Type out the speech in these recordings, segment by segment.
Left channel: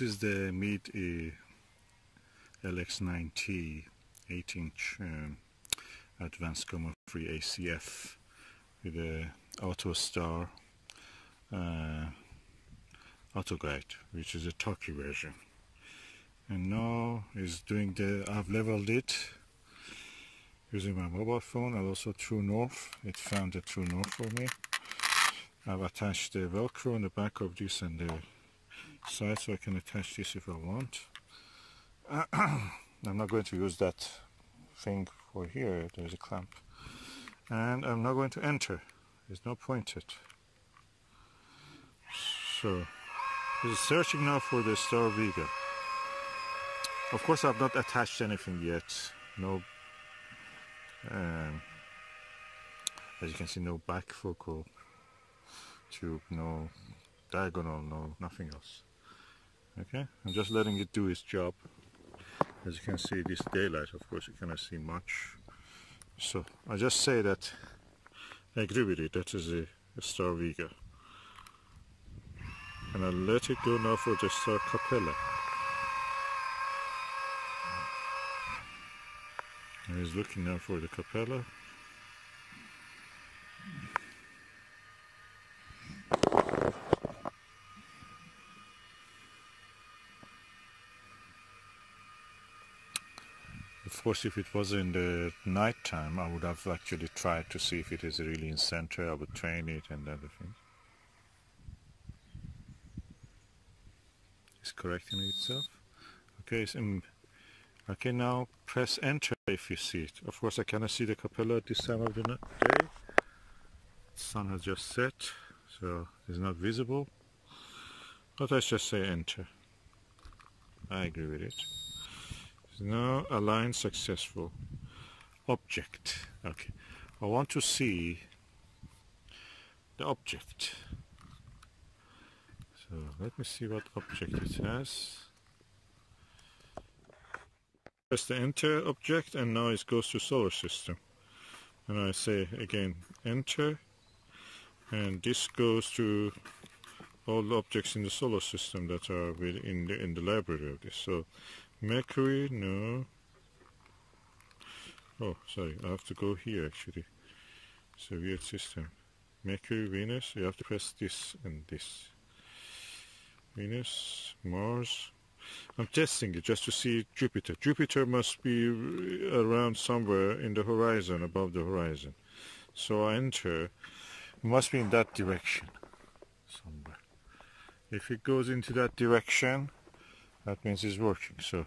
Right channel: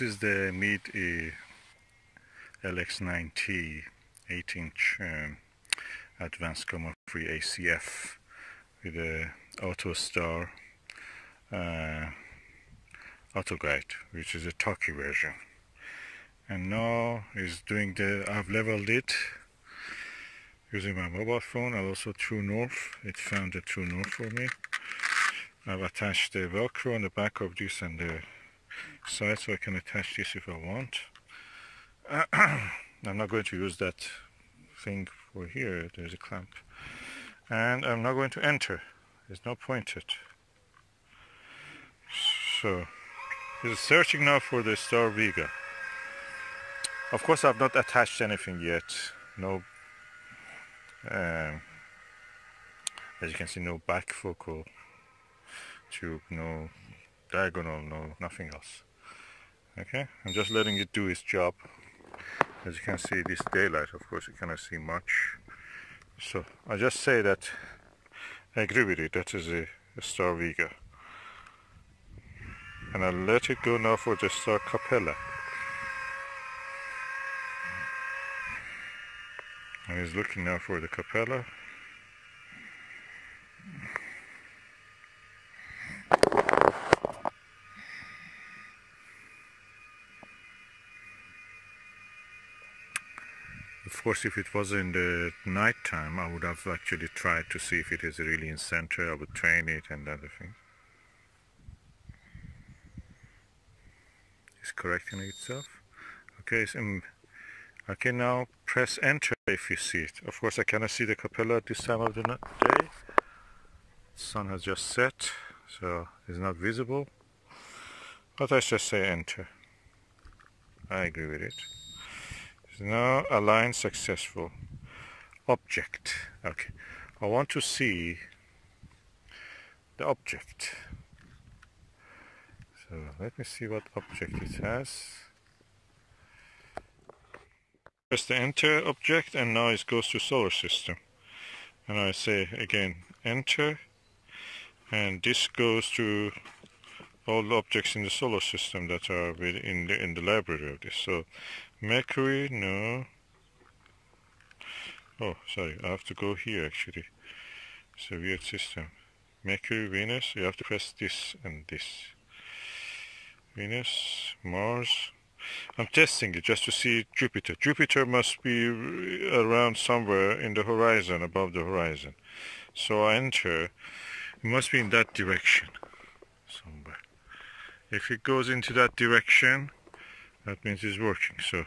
This is the Meade LX90 8-inch advanced Coma free ACF with a auto star auto guide, which is a talkie version. And now is doing I've leveled it using my mobile phone and also True North. It found the True North for me. I've attached the Velcro on the back of this and the side, so I can attach this if I want. I'm not going to use that thing for here. There's a clamp, and I'm not going to enter. There's no pointed. So it's searching now for the Star Vega. Of course, I've not attached anything yet. No, as you can see, no back focal tube, no diagonal, no nothing else. Okay, I'm just letting it do its job. As you can see, this daylight, of course, you cannot see much. So I just say that I agree with it. That is a Star Vega, and I'll let it go now for the Star Capella. And he's looking now for the Capella. Of course, if it was in the night time, I would have actually tried to see if it is really in center. I would train it and other things. It's correcting itself. Okay, so I can now press enter if you see it. Of course, I cannot see the Capella at this time of the day. The sun has just set, so it's not visible. But I just say enter. I agree with it. Now align successful. Object. Okay, I want to see the object. So let me see what object it has. Press the enter object, and now it goes to solar system. And I say again enter, and this goes to all the objects in the solar system that are in the library of this. So Mercury, no. Oh, sorry, I have to go here actually. It's a weird system. Mercury, Venus, you have to press this and this. Venus, Mars. I'm testing it just to see Jupiter. Jupiter must be around somewhere in the horizon, above the horizon. So I enter. It must be in that direction somewhere. If it goes into that direction, that means it's working. So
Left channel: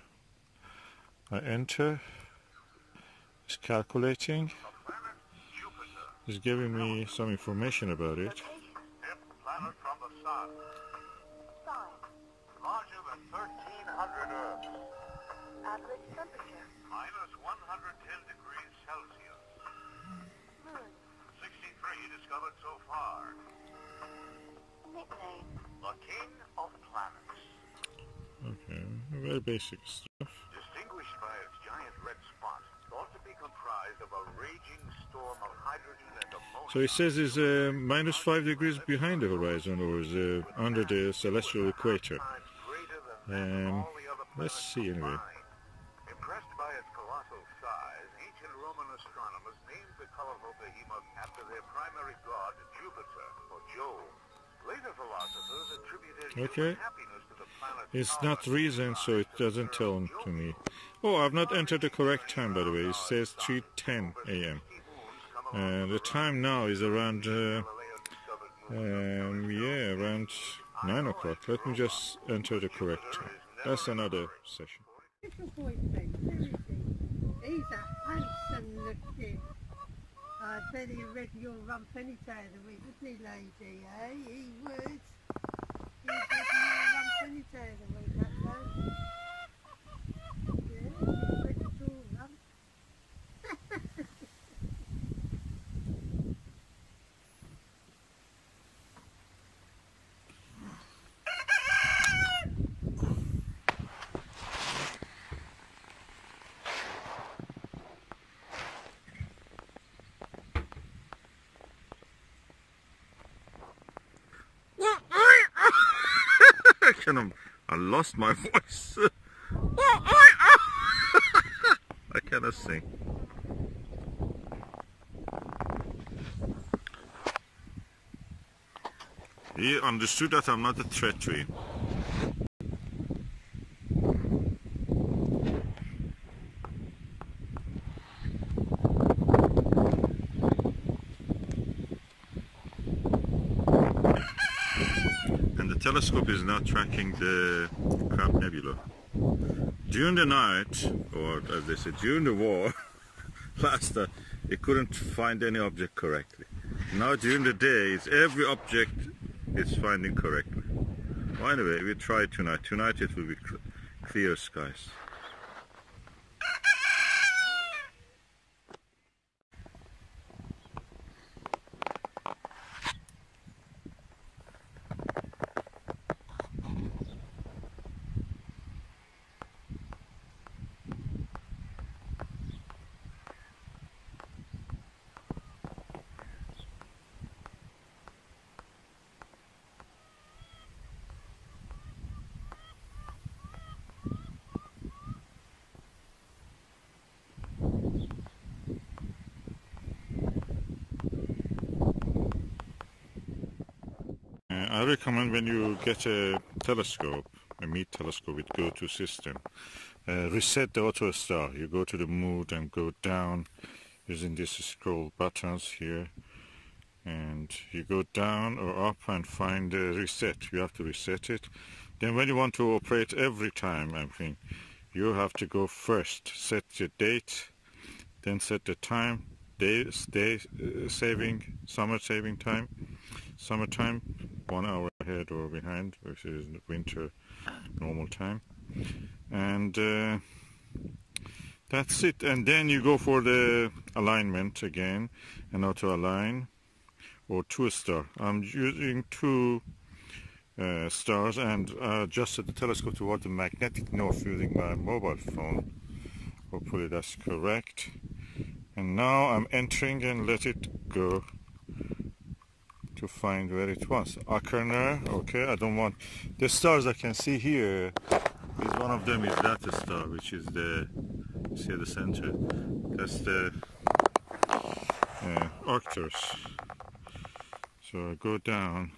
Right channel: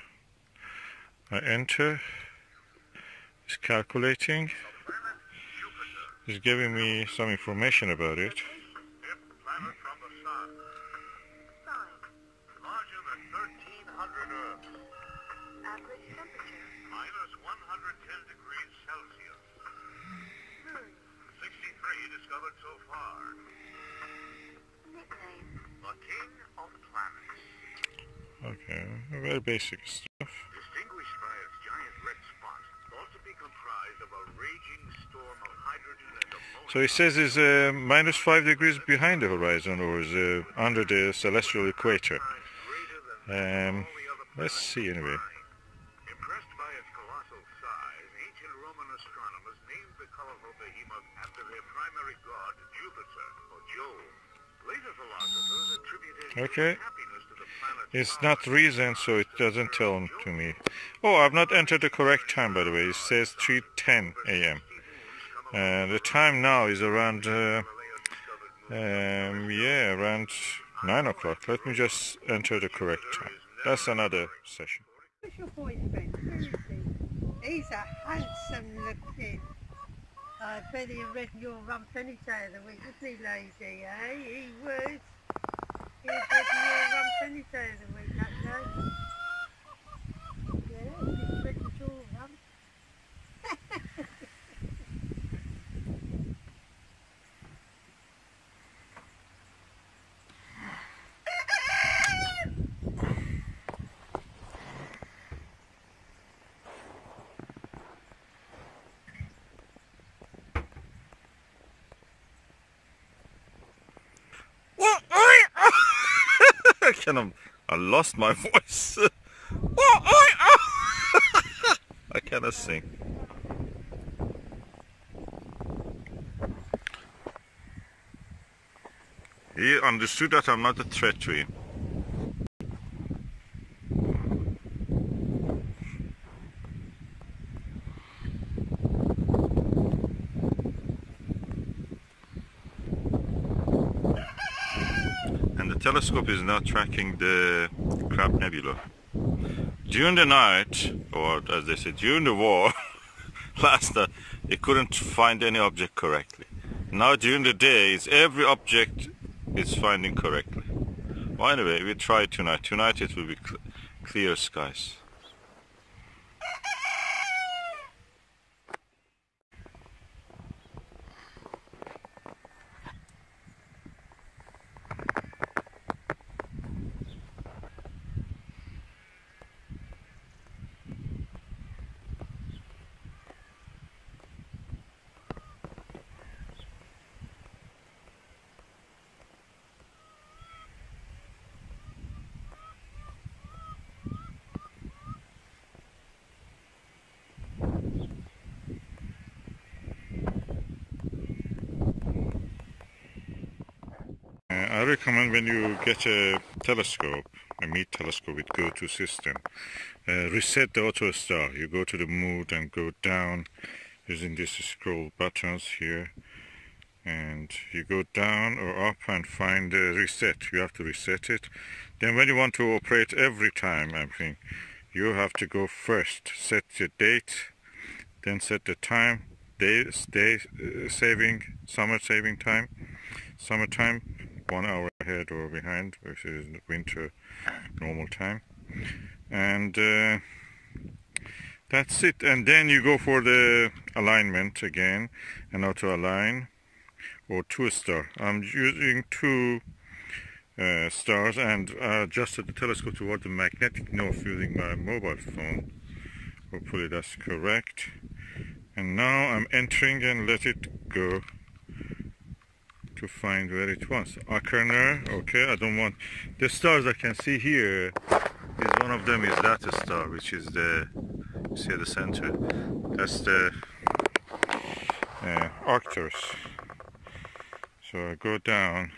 I enter. It's calculating. It's giving me some information about it. Planet from the sun. Larger than 1,300 Earths. Average temperature. Minus 110 degrees Celsius. 63 discovered so far. Nickname. The King of Planets. Okay, very basic stuff. Distinguished by its giant red spot, thought to be comprised of a raging storm of hydrogen and ammonia. So it says it's minus 5 degrees behind the horizon, or is under the celestial equator. Let's see anyway. Impressed by its colossal size, ancient Roman astronomers named the colorful behemoth after their primary god, Jupiter, or Jove. Later philosophers attributed Okay. happiness to the planet. It's not reason, so it doesn't tell to me. Oh, I've not entered the correct time, by the way. It says 3:10 a.m. The time now is around, around 9 o'clock. Let me just enter the correct time. That's another session. Who's your boyfriend? Who is he? He's a handsome looking. I bet he reckon you'll rump any day of the week, wouldn't he, lazy, eh? He would. He'd reckon you'll rump any day of the week, that day. Yeah, he reckons you'll rump. I lost my voice. I cannot sing. He understood that I'm not a threat to him. And the telescope is now tracking the Crab Nebula. During the night, or as they said, during the war, last night, it couldn't find any object correctly. Now during the days, every object is finding correctly. Well, anyway, we try tonight. Tonight it will be clear skies. I recommend when you get a telescope, a Meade telescope with go-to system, reset the auto star. You go to the mode and go down using these scroll buttons here, and you go down or up and find reset. You have to reset it. Then when you want to operate every time, I think you have to go first, set the date, then set the time, summer saving time, summertime, 1 hour ahead or behind, which is winter normal time, and that's it. And then you go for the alignment again, and auto align or 2-star. I'm using 2 stars, and adjusted the telescope toward the magnetic north using my mobile phone. Hopefully that's correct. And now I'm entering and let it go to find where it was. Acherner, okay, I don't want the stars I can see here. Is one of them is that star, which is the, you see at the center, that's the Arcturus. So I go down,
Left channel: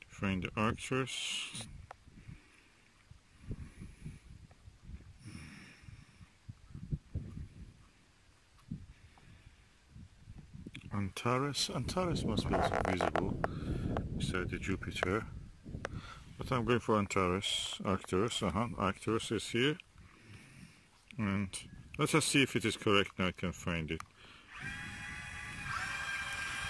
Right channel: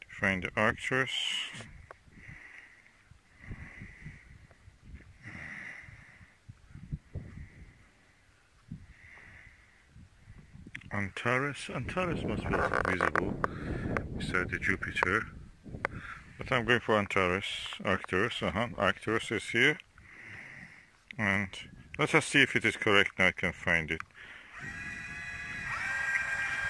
to find the Arcturus. Antares must be also visible beside the Jupiter, but I'm going for Antares. Arcturus, Arcturus is here, and let us see if it is correct. Now I can find it.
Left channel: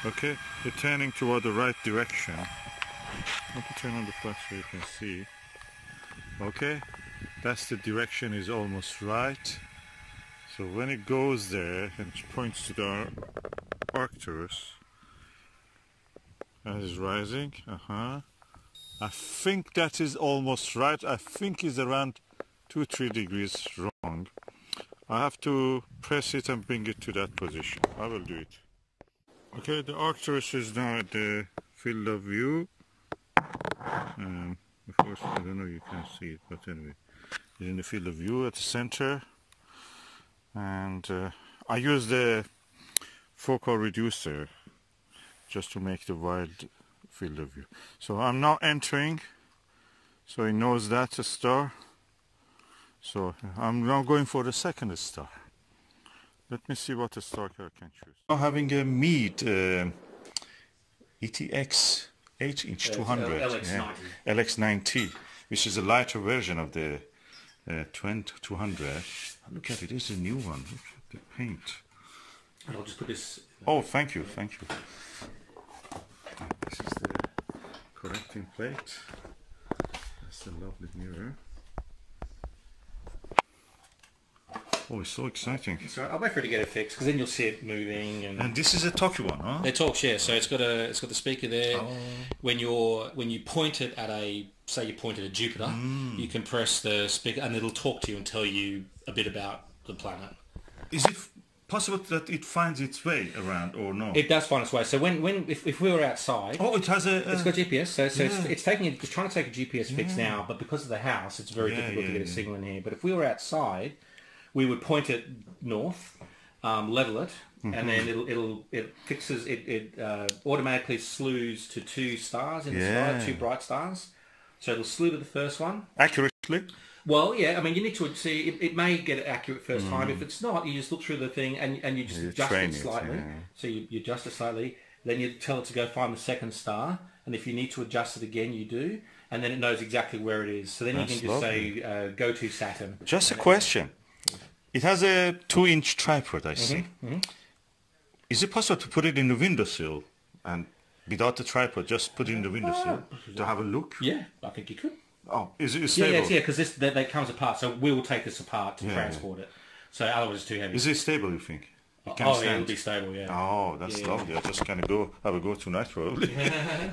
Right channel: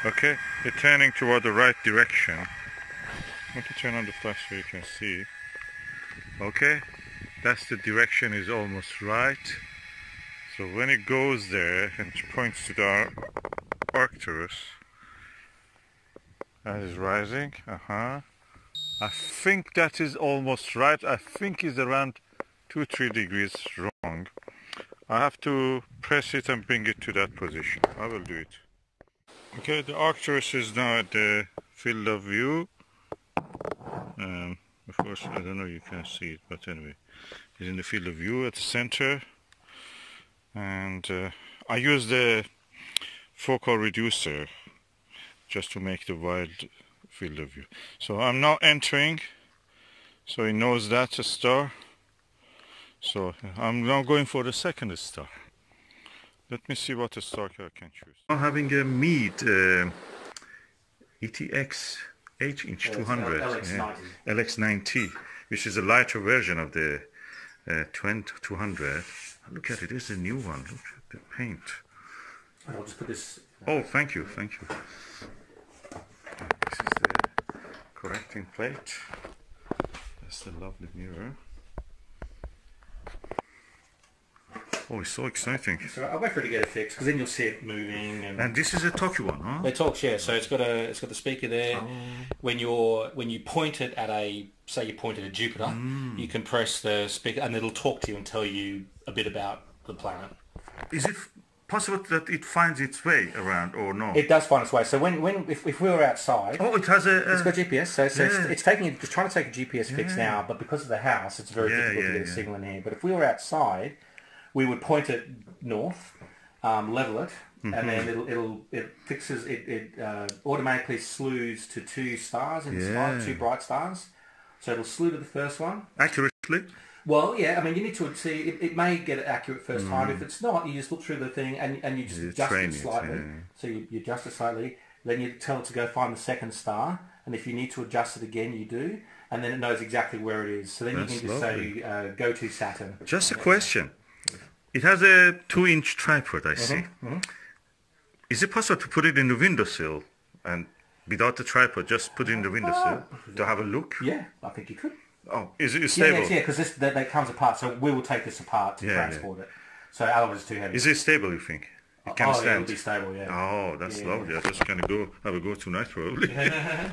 Okay, it's turning toward the right direction. I want to turn on the flash so you can see. Okay, that's the direction, is almost right. So when it goes there and points to the Arcturus, that is rising. I think that is almost right. I think it's around 2-3 degrees wrong. I have to press it and bring it to that position. I will do it. Okay, the Arcturus is now at the field of view. Of course, I don't know if you can see it, but anyway, it's in the field of view at the center. And I use the focal reducer just to make the wide field of view. So I'm now entering, so it knows that's a star. So I'm now going for the second star. Let me see what star I can choose. Now having a Meade ETX H-inch 200 LX90. LX90, which is a lighter version of the 200. Look at it, it's a new one. Look at the paint. I'll just put this. Oh, thank you, thank you. This is the correcting plate. That's the lovely mirror. Oh, it's so exciting. So I'll wait for it to get it fixed, because then you'll see it moving. And this is a talkie one, huh? It talks, yeah. So it's got the speaker there. Oh. When you point it at say you point it at Jupiter, you can press the speaker and it'll talk to you and tell you a bit about the planet. Is it possible that it finds its way around or no? It does find its way. So if we were outside, oh, it has a. It's got GPS. So it's trying to take a GPS fix now, but because of the house, it's very difficult to get a signal in here. But if we were outside, we would point it north, level it, and then it fixes it automatically slews to 2 stars in the sky, 2 bright stars. So it'll slew to the first one accurately. Well, yeah, I mean, you need to see, it may get it accurate first time. If it's not, you just look through the thing and you just adjust it slightly. So you adjust it slightly, then you tell it to go find the second star, and if you need to adjust it again, you do, and then it knows exactly where it is. So then you can just say, go to Saturn. Just a question. It has a 2-inch tripod, I see. Is it possible to put it in the windowsill and without the tripod, just put it in the windowsill to have a look? Yeah, I think you could. Oh, is it stable? Yeah, because that comes apart, so we will take this apart to transport it. So otherwise it's too heavy. Is it stable, you think? It can stand? Yeah, it'll be stable, yeah. Oh, that's lovely. I just kind of have a go tonight, probably.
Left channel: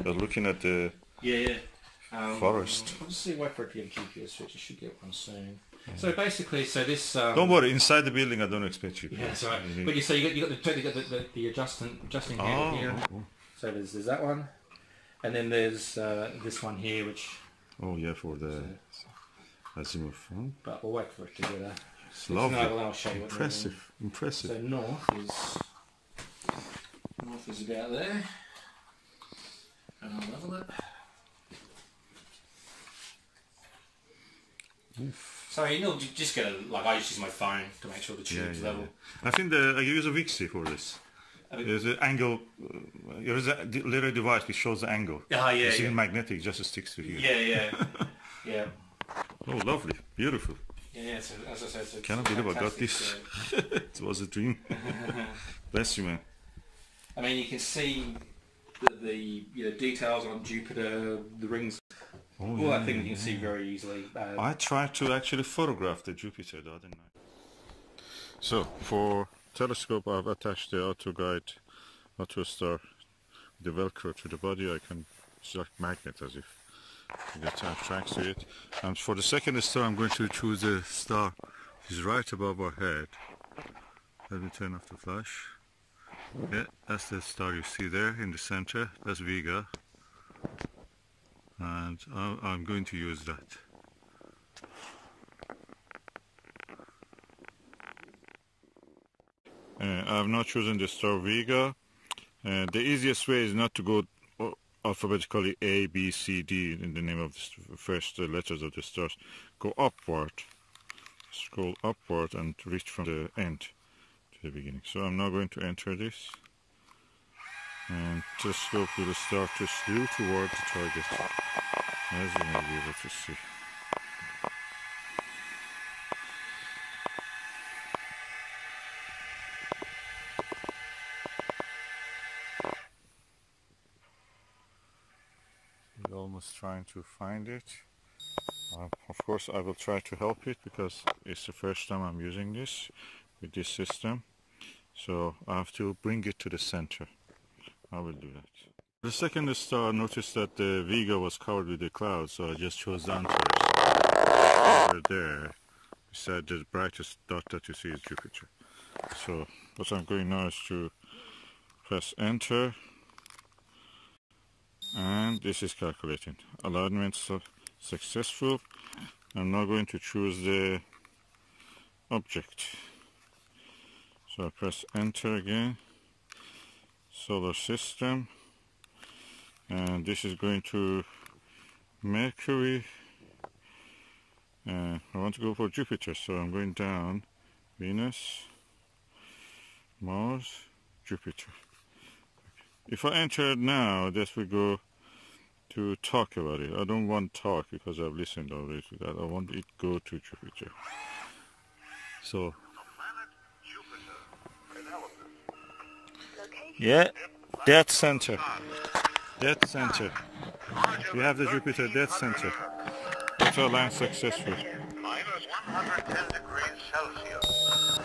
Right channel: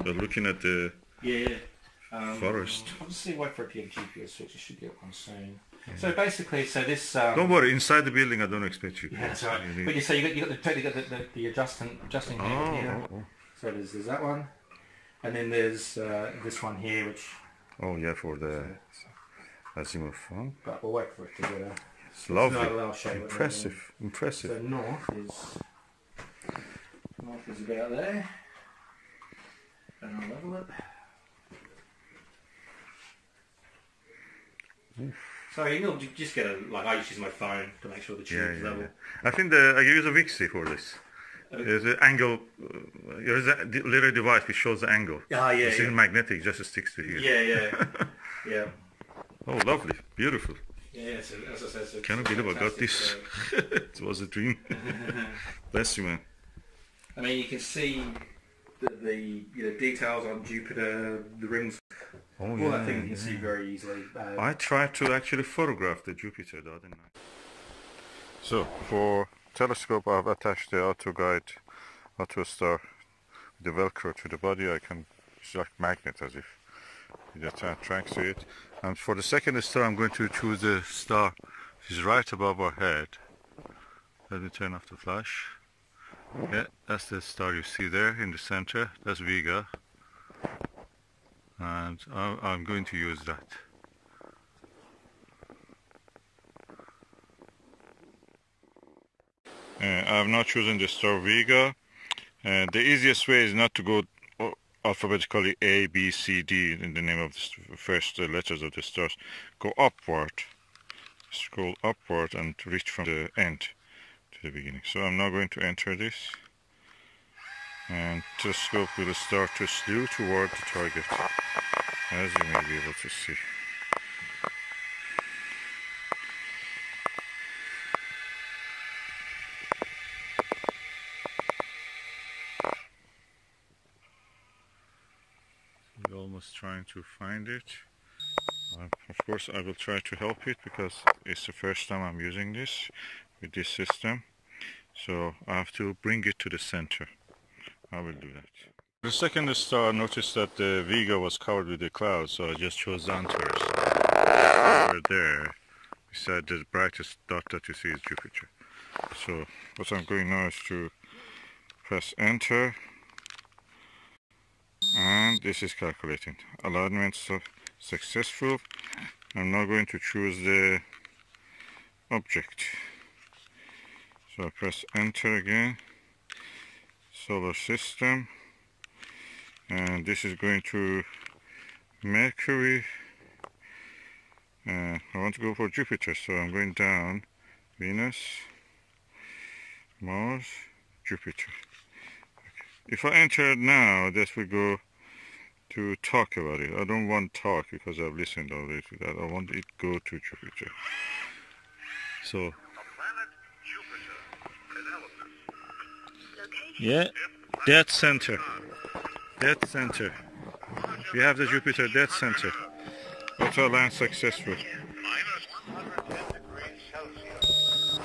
But looking at the forest. I'll just see, wait for it to get a GPS switch. You should get one soon. So basically, this... don't worry, inside the building I don't expect you. Yeah, that's right. But you say you got the adjusting handle here. So there's that one. And then there's this one here, which... Oh yeah, for the azimuth. Huh? But we'll wait for it to get a... It's lovely. I'll show you Impressive. So north is about there. And I'll level it. Oof. So you just get I just use my phone to make sure the tube's level. Yeah. I think I use a Vixie for this. There's an angle. There's a little device which shows the angle. It's magnetic, just sticks to here. Yeah. Oh, lovely, beautiful. Yeah. So as I said, cannot believe I got this. It was a dream. Bless you, man. I mean, you can see the details on Jupiter, the rings. All that thing you can see very easily. I tried to actually photograph the Jupiter the other night. So for telescope, I've attached the auto star, the Velcro to the body. It's like magnet, as if it attracts to it. And for the second star, I'm going to choose a star which is right above our head. Let me turn off the flash. Yeah, that's the star you see there in the center. That's Vega. And I'm going to use that. I've not chosen the star Vega. The easiest way is not to go alphabetically A, B, C, D in the name of the first letters of the stars. Go upward, scroll upward and reach from the end to the beginning. So I'm now going to enter this. And telescope will start to slew toward the target, as you may be able to see. We're almost trying to find it. Of course I will try to help it because it's the first time I'm using this with this system. So I have to bring it to the center. I will do that. The second star, I noticed that the Vega was covered with the clouds, so I just chose Antares. Over there, beside the brightest dot that you see is Jupiter. So what I'm going now is to press enter, and this is calculating. Alignment successful. I'm now going to choose the object. So I press enter again. Solar system, and this is going to Mercury. I want to go for Jupiter, so I'm going down. Venus, Mars, Jupiter. Okay. If I enter it now, this will go to talk about it. I don't want talk because I've listened already to that. I want it to go to Jupiter. So yeah, dead center. We have the Jupiter dead center. Auto line successful. Minus 110 degrees Celsius.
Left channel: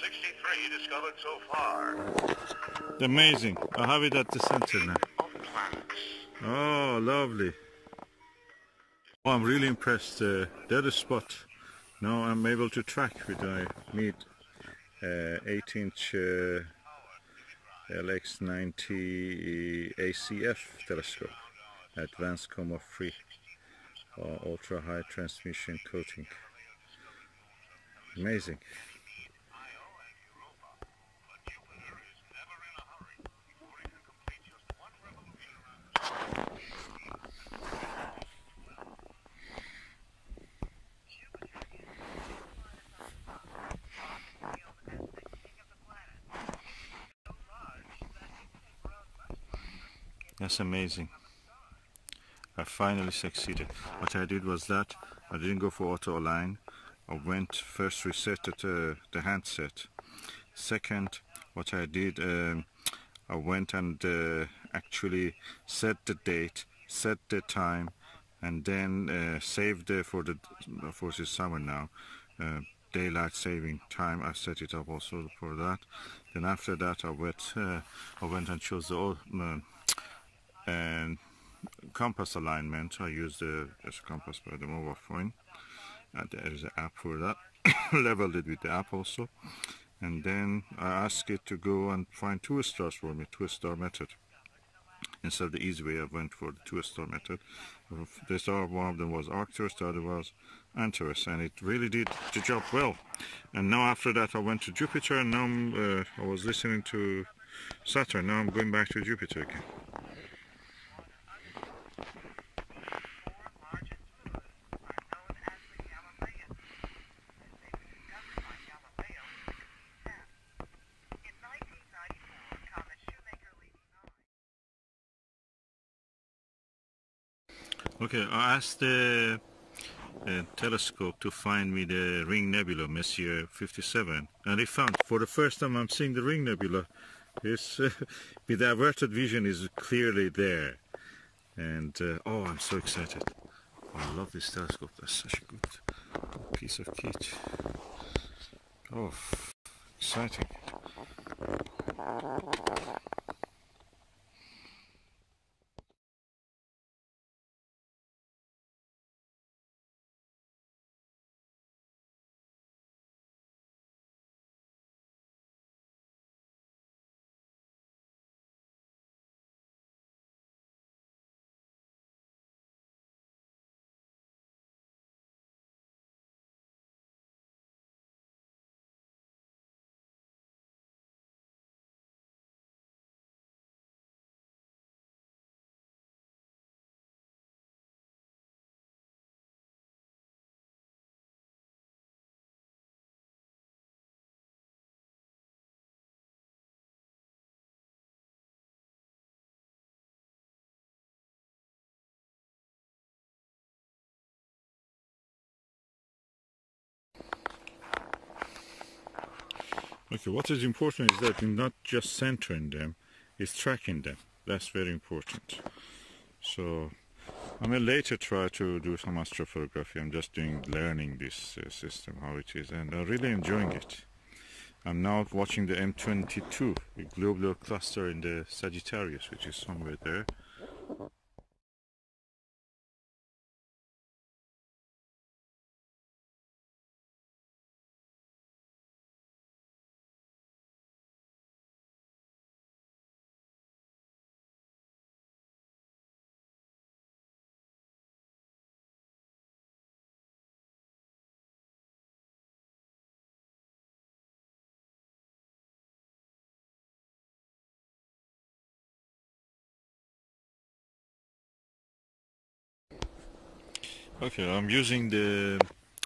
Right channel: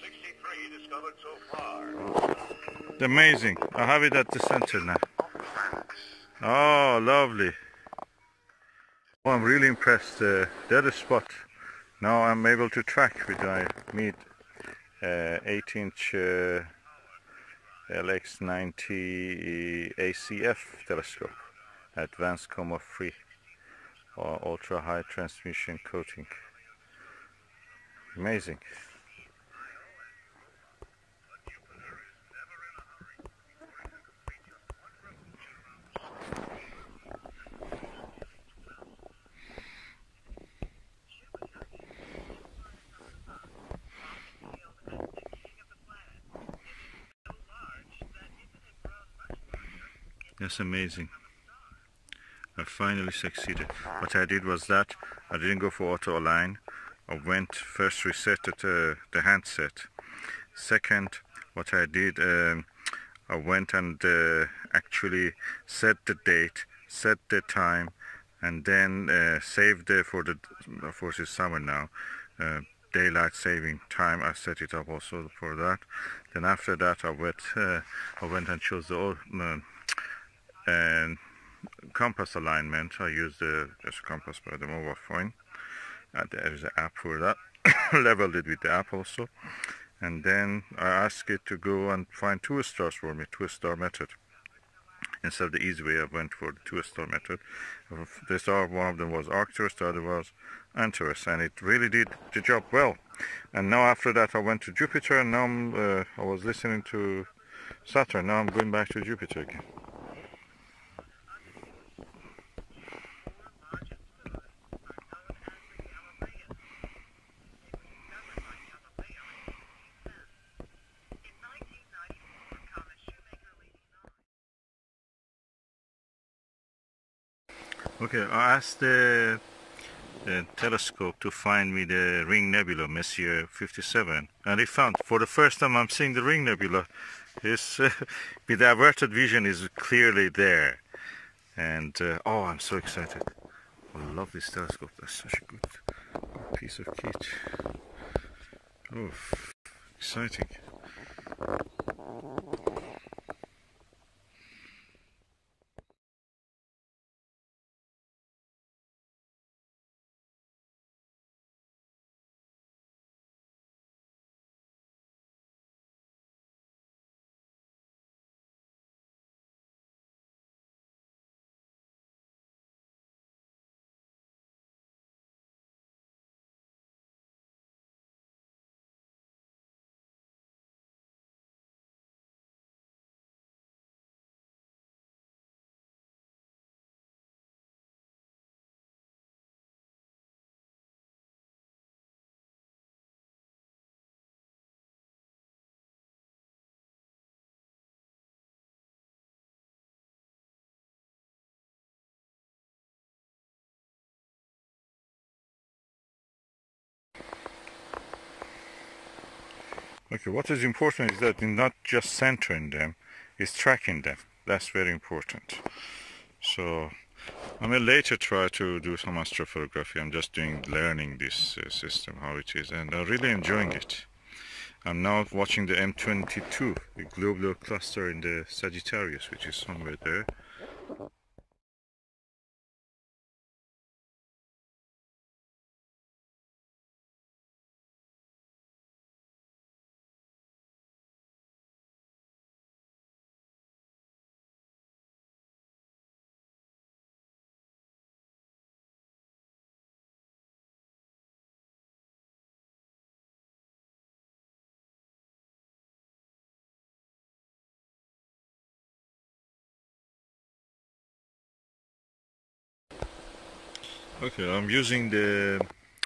63 discovered so far. Amazing. I have it at the center now. Oh, lovely. Oh, I'm really impressed. The other spot. Now I'm able to track with my Meade 8-inch LX90 ACF telescope, advanced Coma free or ultra high transmission coating. Amazing. That's amazing. I finally succeeded. What I did was that I didn't go for auto align. I went first resetted the handset. Second, what I did, I went and actually set the date, set the time, and then saved for the, of course it's summer now, daylight saving time. I set it up also for that. Then after that I went and chose the old compass alignment. I used the compass by the mobile phone. There is an app for that. Leveled it with the app also. And then I asked it to go and find 2 stars for me, 2-star method. Instead of the easy way, I went for the 2-star method. The star, one of them was Arcturus, the other was Antares, and it really did the job well. And now after that I went to Jupiter, and now I was listening to Saturn. Now I'm going back to Jupiter again. Okay, I asked the telescope to find me the Ring Nebula, Messier 57, and it found, for the first time I'm seeing the Ring Nebula. It's, with the averted vision is clearly there, and oh, I'm so excited. I love this telescope. That's such a good piece of kit. Oh, exciting. Okay, what is important is that you're not just centering them, it's tracking them. That's very important. So I may later try to do some astrophotography. I'm just learning this system, how it is, and I'm really enjoying it. I'm now watching the M22, the globular cluster in the Sagittarius, which is somewhere there. Okay, I'm using the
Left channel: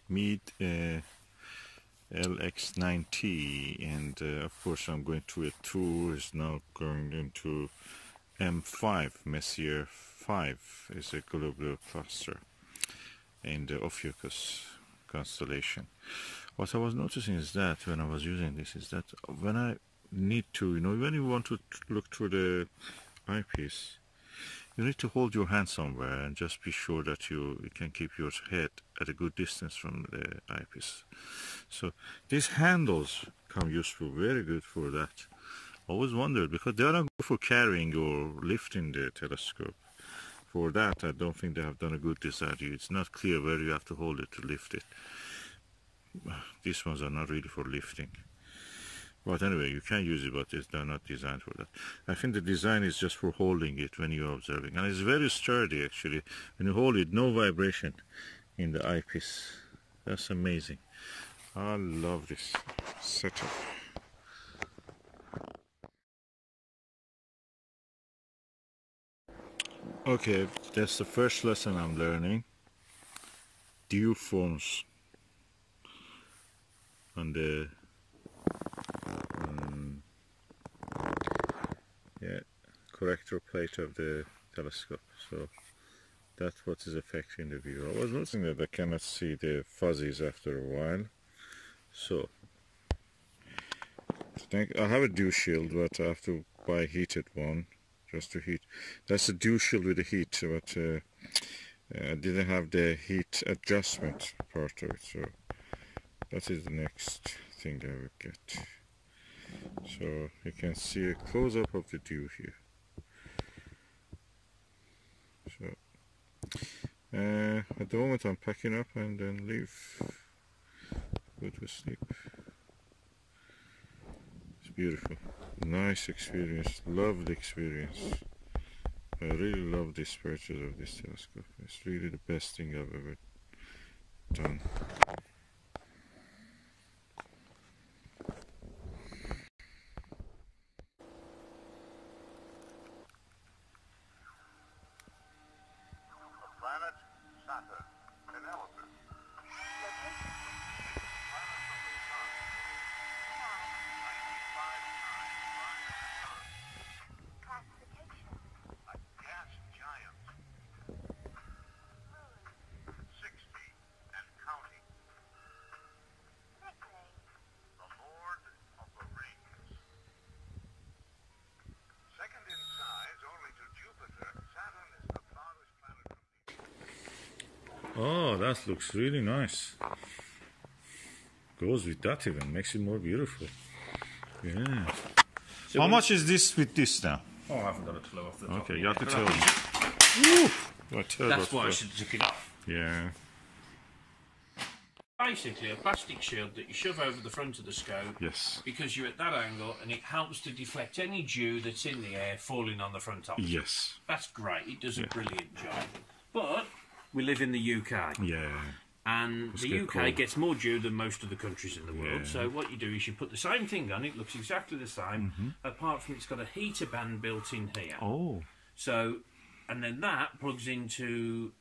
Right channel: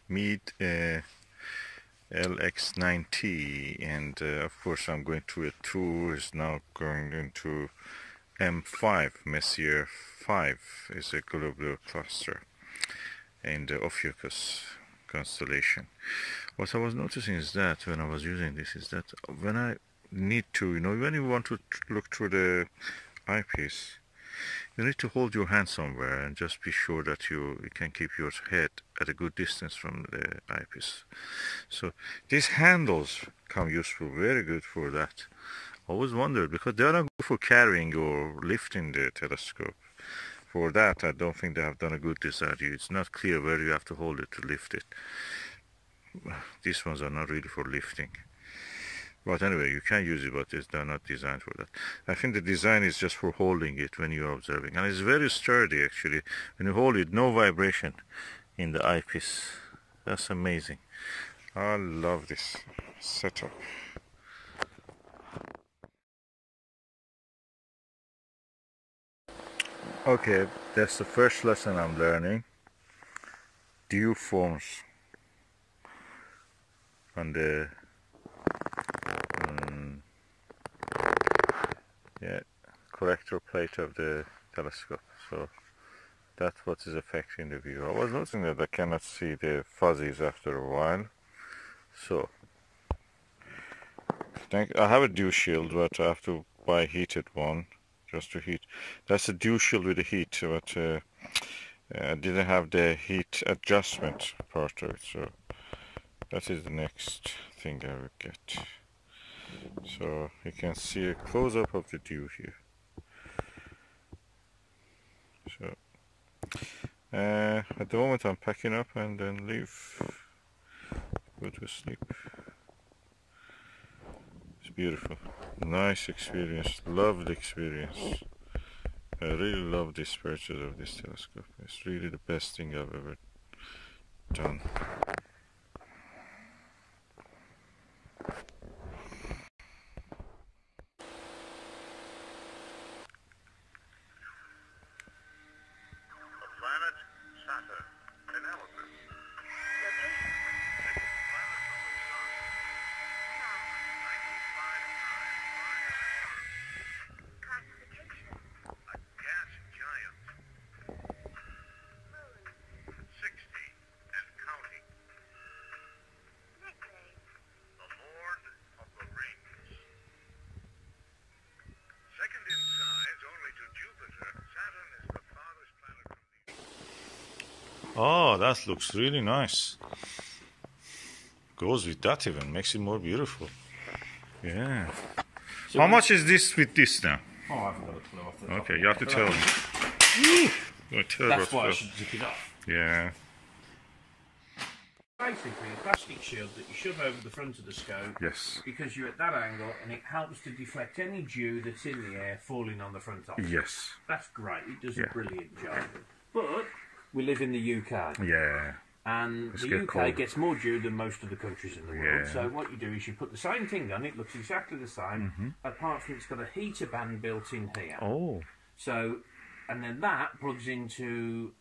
Meade LX90, and of course I'm going through a tour. Is now going into M5, Messier 5 is a globular cluster in the Ophiuchus constellation. What I was noticing is that when I was using this is that when I need to, when you want to look through the eyepiece, you need to hold your hand somewhere and just be sure that you can keep your head at a good distance from the eyepiece. So these handles come useful, very good for that. Always wondered, because they are not good for carrying or lifting the telescope. For that, I don't think they have done a good design. It's not clear where you have to hold it to lift it. These ones are not really for lifting. But anyway, you can use it, but they're not designed for that. I think the design is just for holding it when you're observing. And it's very sturdy, actually. When you hold it, no vibration in the eyepiece. That's amazing. I love this setup. Okay, that's the first lesson I'm learning. Dew forms on the corrector plate of the telescope. So that's what is affecting the view. I was noticing that I cannot see the fuzzies after a while. So I have a dew shield, but I have to buy a heated one just to heat. That's a dew shield with a heat, but I didn't have the heat adjustment part of it. So that is the next thing I will get. So you can see a close-up of the dew here. So at the moment I'm packing up and then leave, go to sleep. It's beautiful, nice experience, lovely experience. I really love this purchase of this telescope. It's really the best thing I've ever done. Oh, that looks really nice. Goes with that even, makes it more beautiful. Yeah. So how much is this with this now? Oh, I haven't got a clue off the top. Okay, you have to tell me. That's why I should take it off. Yeah. Basically, a plastic shield that you shove over the front of the scope. Yes. Because you're at that angle, and it helps to deflect any dew that's in the air falling on the front of it. Yes. That's great. It does a brilliant job. But we live in the UK. Yeah. And the UK gets more dew than most of the countries in the world. So what you do is you put the same thing on. It looks exactly the same, apart from it's got a heater band built in here. Oh. So, and then that plugs into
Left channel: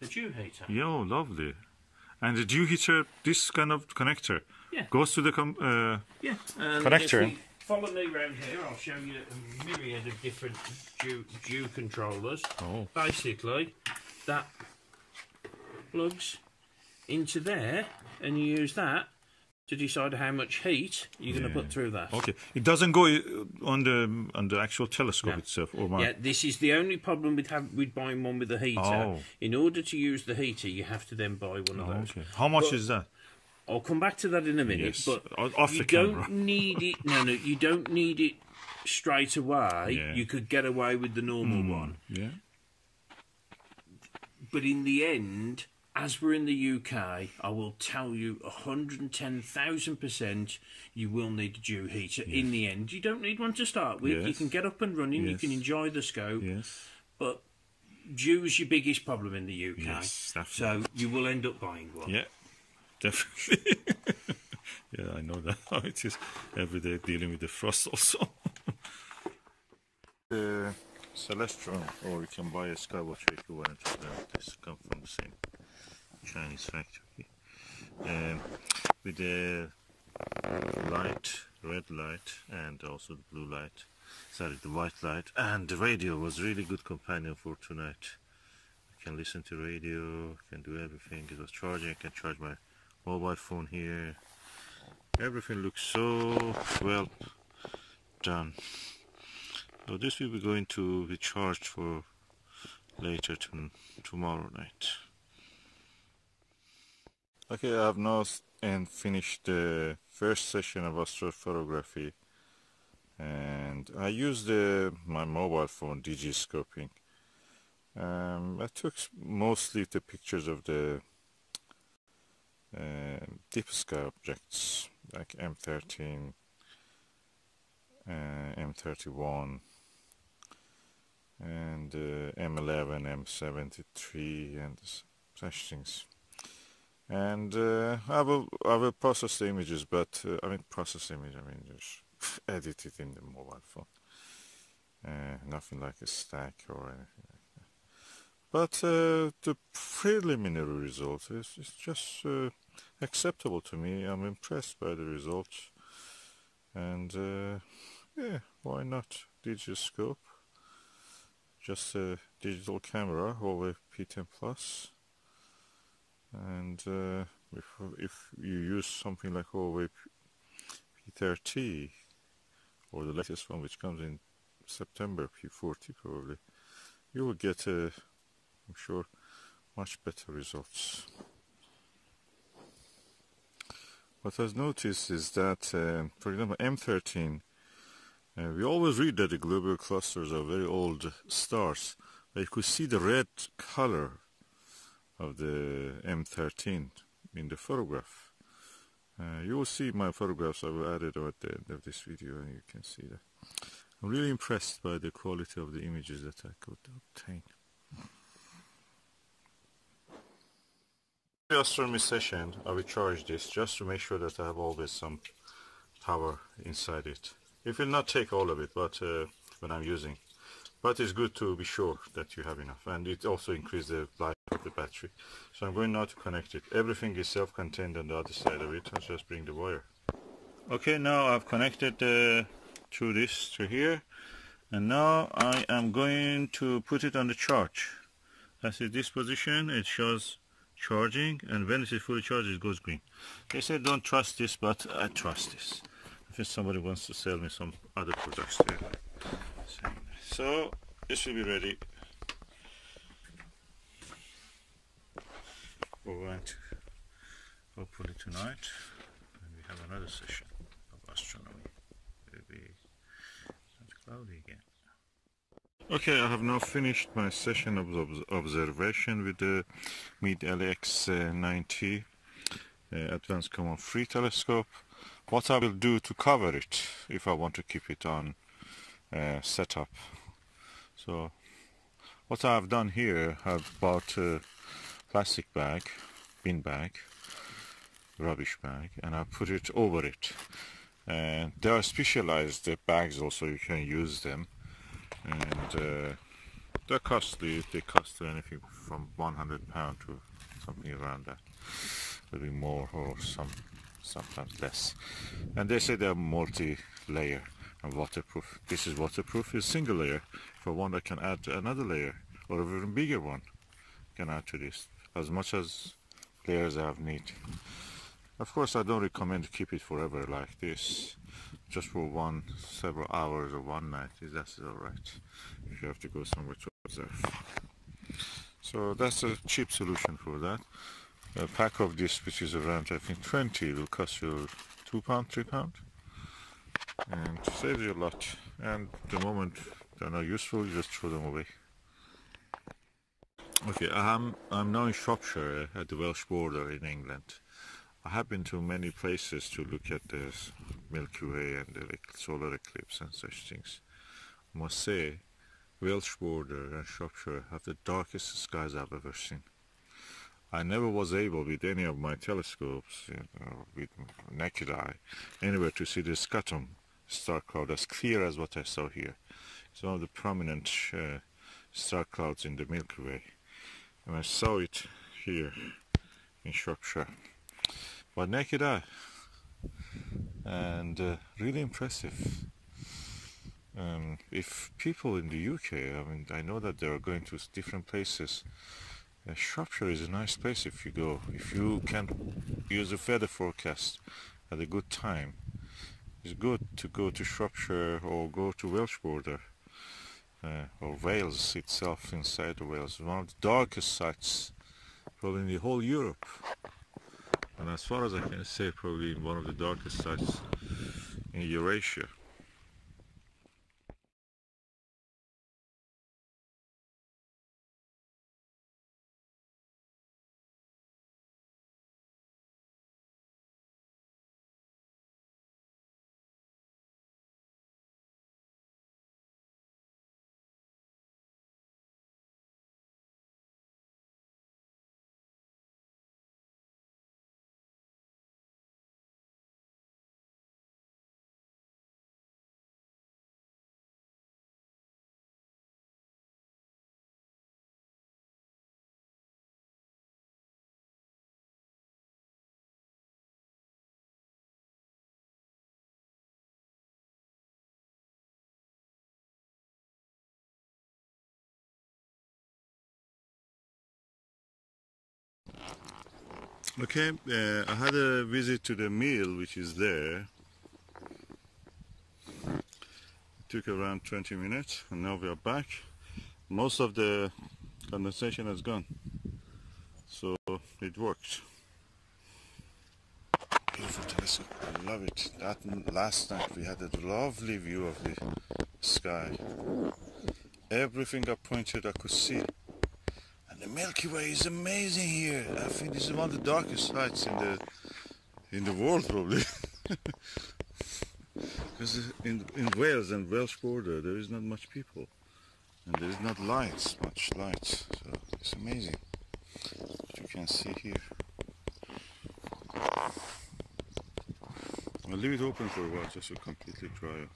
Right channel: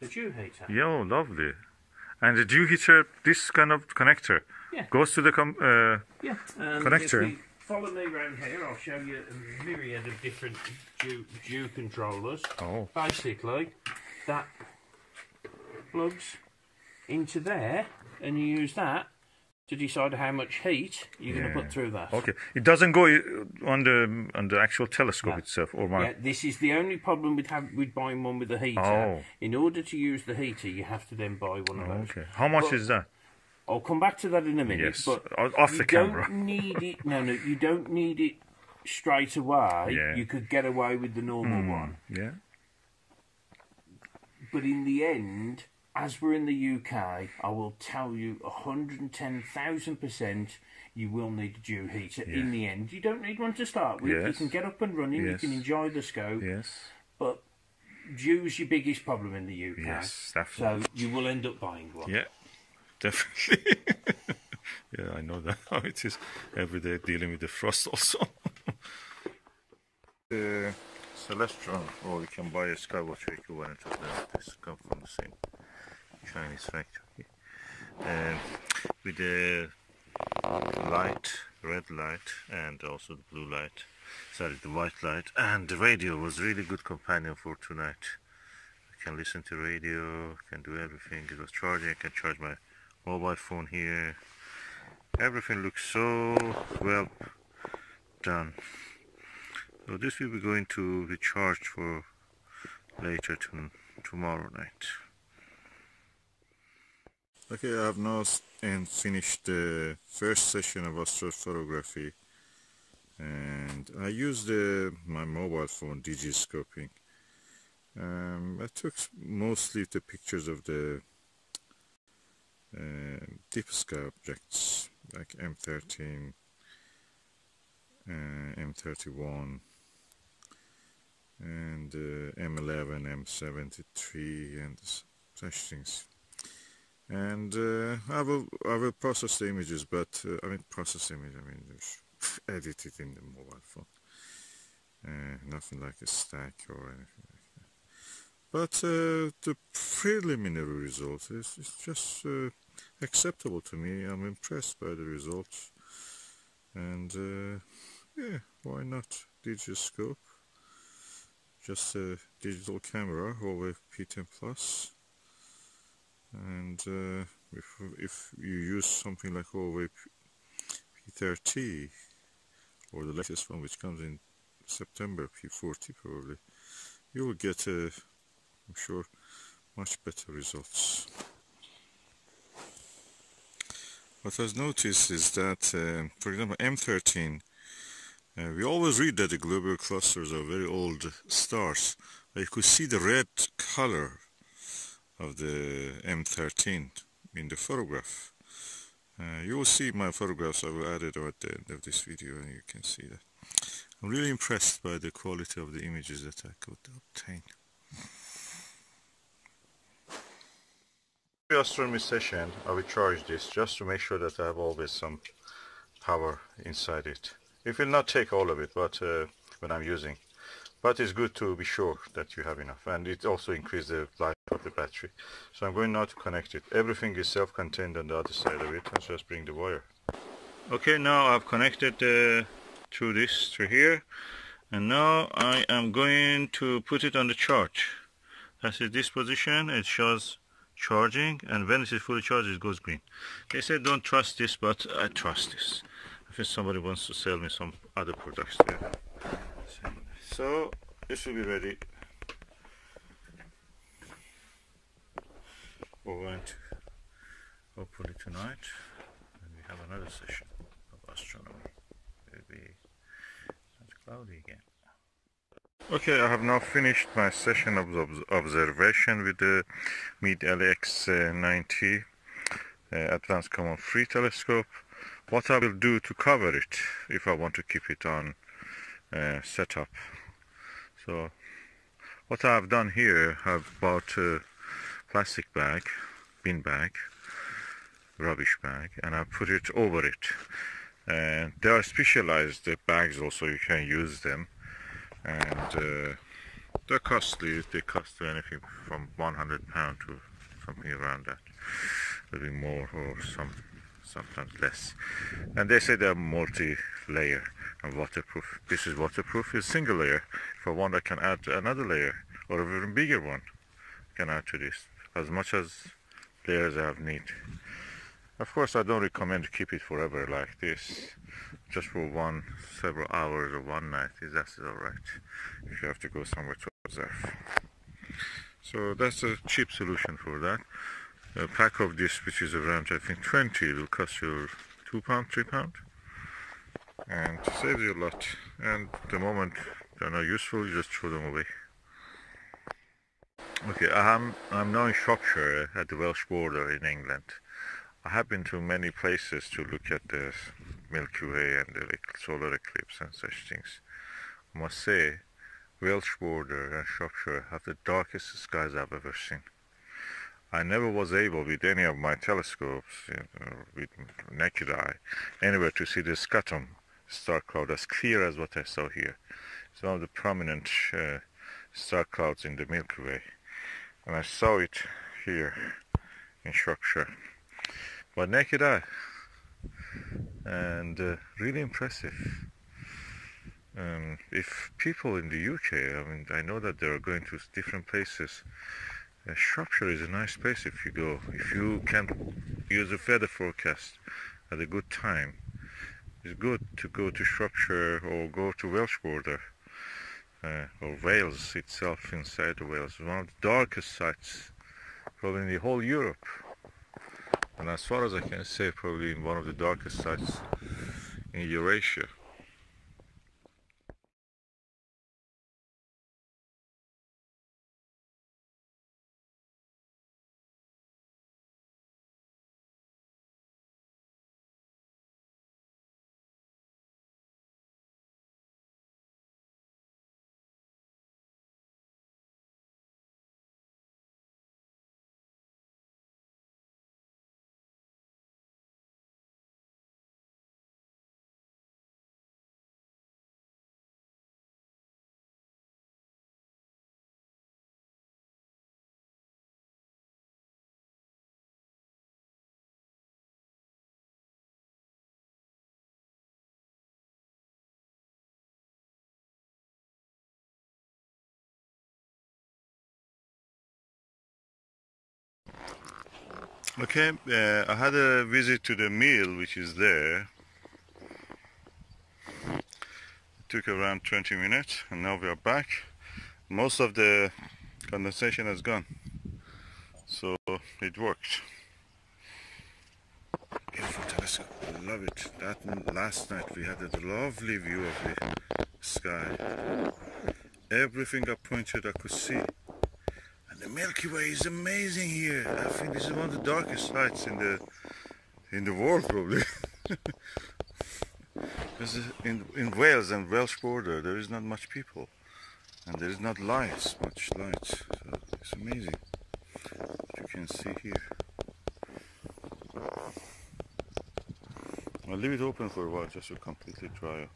the dew heater. Yeah, oh, lovely. And the dew heater, this kind of connector, goes to the connector. If you follow me around here, I'll show you a myriad of different dew controllers. Oh. Basically, that plugs into there, and you use that to decide how much heat you're going to put through that. Okay, it doesn't go on the actual telescope itself, or yeah, this is the only problem with buying one with a heater. Oh. In order to use the heater, you have to then buy one of those. Okay, how much is that? I'll come back to that in a minute. Yes, but off you the camera. don't need it. No, you don't need it straight away. Yeah. You could get away with the normal one. Yeah. But in the end, as we're in the UK, I will tell you 110,000% you will need a dew heater in the end. You don't need one to start with. You can get up and running, you can enjoy the scope. Yes. But dew's your biggest problem in the UK. Yes, definitely. So you will end up buying one. Yeah, definitely. Yeah, I know that how it is every day dealing with the frost also. The Celestron, or you can buy a Skywatch equivalent of them. This come from the same Chinese factory. With the light, red light, and also the blue light. Sorry, the white light. And the radio was really good companion for tonight. I can listen to radio, can do everything. It was charging, I can charge my mobile phone here. Everything looks so well done. So this will be going to be charged for later tomorrow night. Okay, I have now finished the first session of astrophotography, and I used my mobile phone digiscoping. I took mostly the pictures of the deep sky objects like M13, M31 and M11, M73 and such things. And I will process the images, but I mean just edit it in the mobile phone. Nothing like a stack or anything like that. But the preliminary result is just acceptable to me. I'm impressed by the results. And yeah, why not? Digiscope, just a digital camera over P10 Plus. And if you use something like Huawei P30 or the latest one, which comes in September, P40 probably, you will get, I'm sure, much better results. What I've noticed is that, for example, M13, we always read that the globular clusters are very old stars. But you could see the red color of the M13 in the photograph. You will see my photographs. I will add it at the end of this video and you can see that. I'm really impressed by the quality of the images that I could obtain. The astronomy session, I will charge this just to make sure that I have always some power inside it. It will not take all of it, but when I'm using. But it's good to be sure that you have enough, and it also increases the life of the battery. So I'm going now to connect it. Everything is self-contained on the other side of it. Let's just bring the wire. Okay, now I've connected through here, and now I am going to put it on the charge. That's in this position. It shows charging, and when it is fully charged, it goes green. They say don't trust this, but I trust this. I think somebody wants to sell me some other products there. So this will be ready. We're going to hopefully tonight, and we have another session of astronomy. It will be not cloudy again. Okay, I have now finished my session of observation with the Meade LX90 Advanced Coma free telescope. What I will do to cover it, if I want to keep it on setup. So what I have done here, I've bought a plastic bag, bin bag, rubbish bag, and I put it over it. And they are specialized bags also, you can use them. And they're costly. They cost anything from £100 to something around that, a little bit more or sometimes less. And they say they're multi-layer and waterproof. This is waterproof. It's single layer. If I want, I can add another layer or a even bigger one. I can add to this as much as layers I have need. Of course, I don't recommend to keep it forever like this. Just for several hours or one night, that's alright, if you have to go somewhere to observe. So that's a cheap solution for that. A pack of this, which is around, I think, 20, will cost you £2, £3, and saves you a lot. And the moment they're not useful, you just throw them away. Okay, I'm now in Shropshire at the Welsh border in England. I have been to many places to look at the Milky Way and the solar eclipse and such things. I must say, Welsh border and Shropshire have the darkest skies I've ever seen. I never was able with any of my telescopes, with naked eye, anywhere to see the scutum star cloud as clear as what I saw here. It's one of the prominent star clouds in the Milky Way. And I saw it here in Shropshire. But naked eye. And really impressive. If people in the UK, I mean, I know that they are going to different places. Shropshire is a nice place if you go. If you can use a weather forecast at a good time, it's good to go to Shropshire or go to Welsh border or Wales itself, inside the Wales. One of the darkest sites probably in the whole Europe. And as far as I can say, probably in one of the darkest sites in Eurasia. Okay, I had a visit to the mill which is there. It took around 20 minutes and now we are back. Most of the condensation has gone, so it worked. Beautiful telescope, I love it. That last night we had a lovely view of the sky. Everything I pointed I could see. And the Milky Way is amazing here. I think this is one of the darkest sites in the world probably. Because in Wales and Welsh border there is not much people. And there is not much light. So it's amazing what you can see here. I'll leave it open for a while just to completely dry up.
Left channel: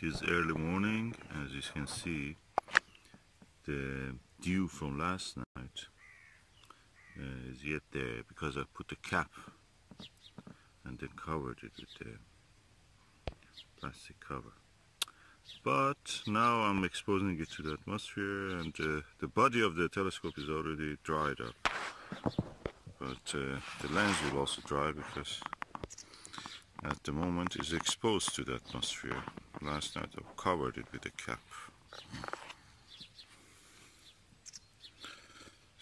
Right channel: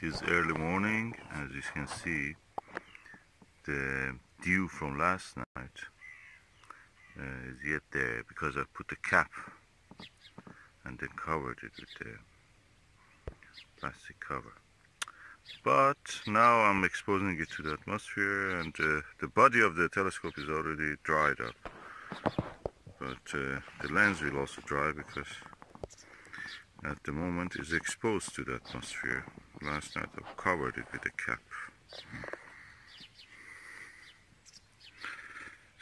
It is early morning. As you can see, the dew from last night is yet there because I put the cap and then covered it with the plastic cover. But now I'm exposing it to the atmosphere, and the body of the telescope is already dried up. But the lens will also dry because at the moment it's exposed to the atmosphere. Last night I covered it with a cap.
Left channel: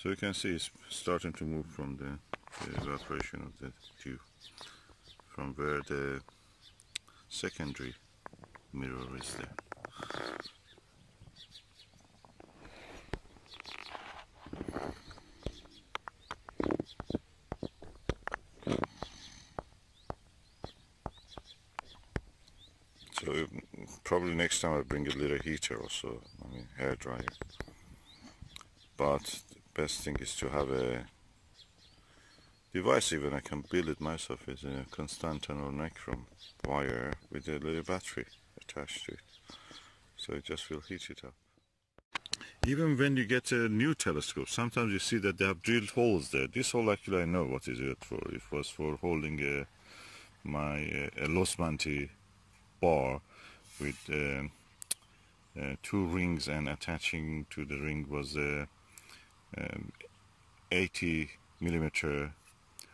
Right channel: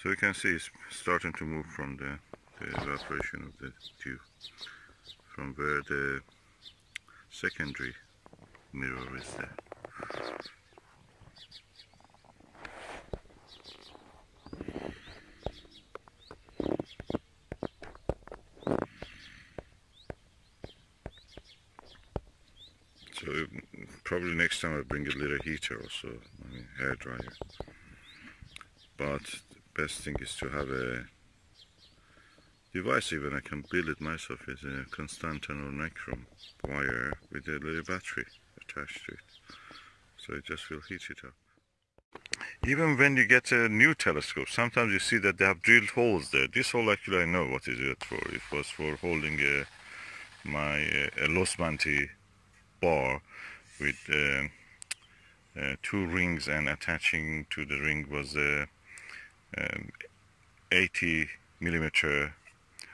So you can see it's starting to move from the evaporation of the dew, from where the secondary mirror is there. So probably next time I'll bring a little heater also, I mean hair dryer. But the best thing is to have a device, even I can build it myself, is a Constantan or Necrom wire with a little battery attached to it. So it just will heat it up. Even when you get a new telescope, sometimes you see that they have drilled holes there. This hole actually I know what is it for. It was for holding my Losmanti bar with 2 rings, and attaching to the ring was a 80mm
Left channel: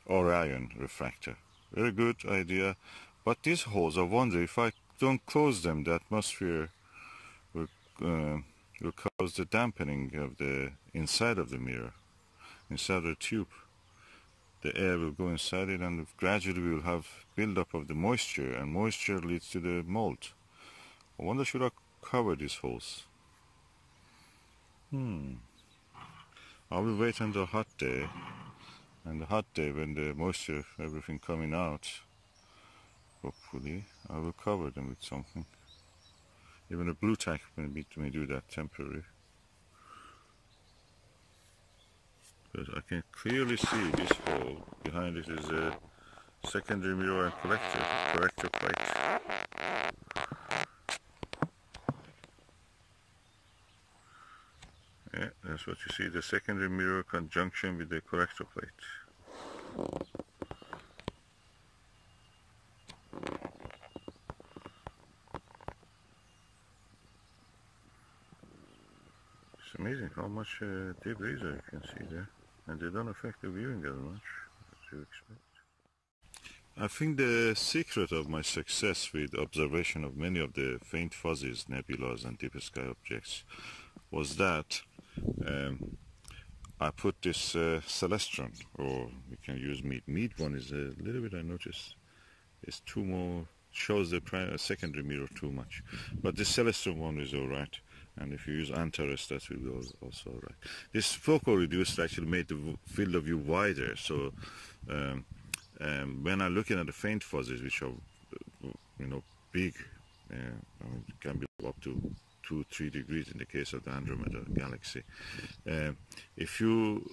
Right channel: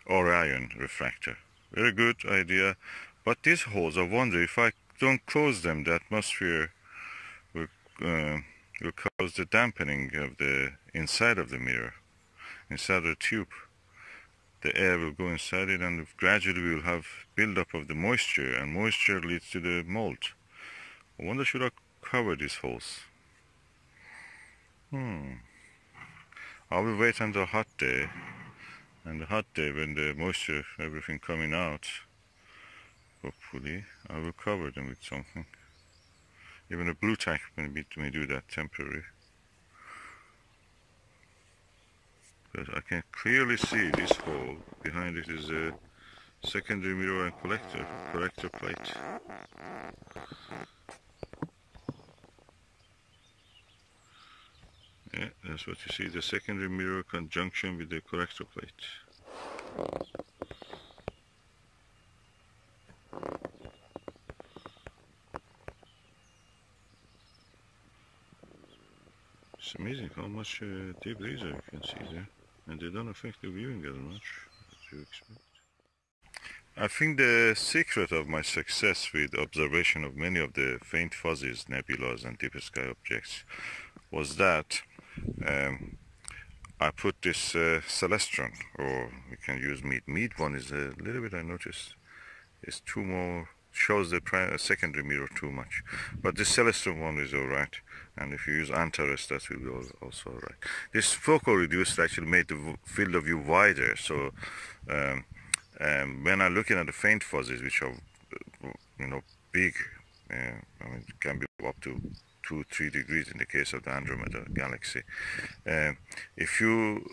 Orion refractor. Very good idea. But these holes, I wonder if I don't close them, the atmosphere will cause the dampening of the inside of the mirror, inside the tube. The air will go inside it, and gradually we will have build-up of the moisture, and moisture leads to the mold. I wonder, should I cover these holes? I will wait until a hot day, and the hot day when the moisture, everything coming out, hopefully, I will cover them with something. Even a blue tack may do that temporarily. But I can clearly see this hole. Behind it is a secondary mirror and collector plate. Yeah, that's what you see, the secondary mirror conjunction with the collector plate. It's amazing how much deep laser you can see there, and they don't affect the viewing as much as you expect. I think the secret of my success with observation of many of the faint fuzzies, nebulas and deep sky objects was that I put this Celestron, or we can use Meade. Meade one is a little bit, I noticed, is too more, shows the secondary mirror too much. But this Celestron one is alright. And if you use Antares, that will be also alright. This focal reducer actually made the field of view wider. So when I'm looking at the faint fuzzies, which are, big, I mean, it can be up to 2-3 degrees in the case of the Andromeda galaxy. If you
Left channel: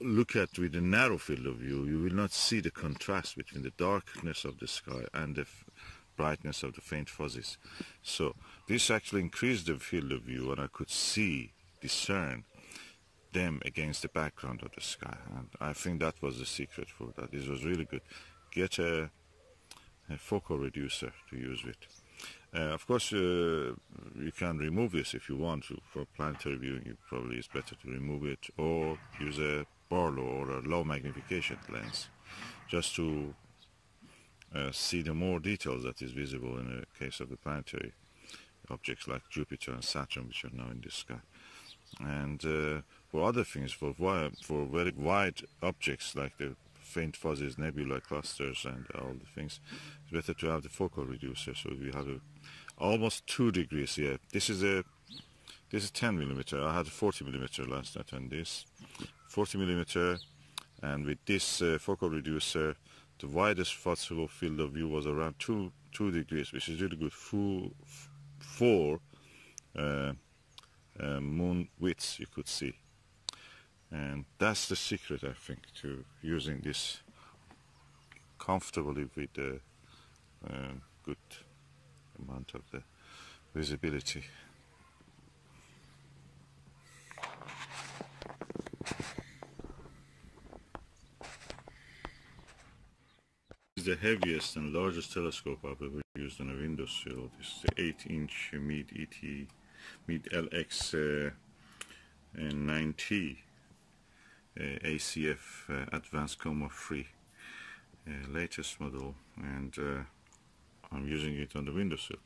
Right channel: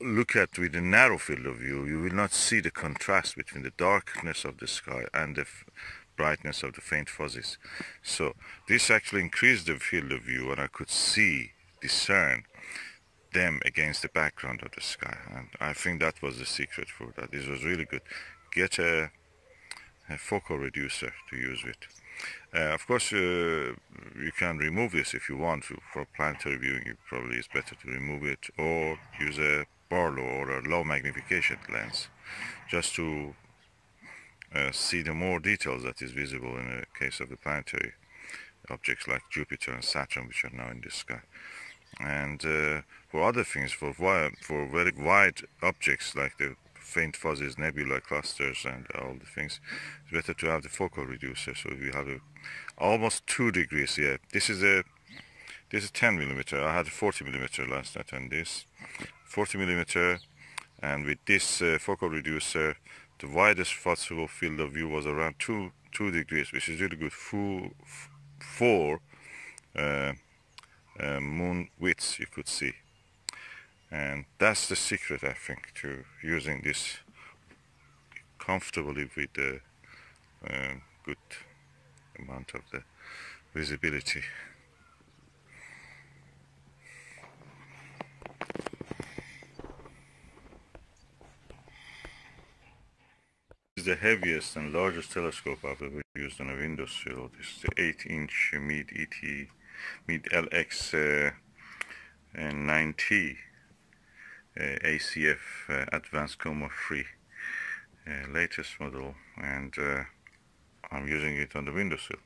look at with a narrow field of view, you will not see the contrast between the darkness of the sky and the brightness of the faint fuzzies. So this actually increased the field of view, and I could discern them against the background of the sky. And I think that was the secret for that. This was really good. Get a focal reducer to use with. Of course, you can remove this if you want to. For planetary viewing, it probably is better to remove it, or use a Barlow or a low magnification lens, just to see the more details that is visible in the case of the planetary objects like Jupiter and Saturn, which are now in the sky. And for other things, for very wide objects like the faint fuzzies, nebula clusters, and all the things, it's better to have the focal reducer. So we have almost 2 degrees here. This is 10 millimeter. I had a 40 millimeter last night, and this 40 millimeter, and with this focal reducer, the widest possible field of view was around 2 degrees, which is really good for moon widths you could see. And that's the secret, I think, to using this comfortably with the good amount of the visibility. This is the heaviest and largest telescope I've ever used on a windowsill. This is the 8-inch Meade LX90 ACF Advanced Coma free latest model, and I'm using it on the windowsill.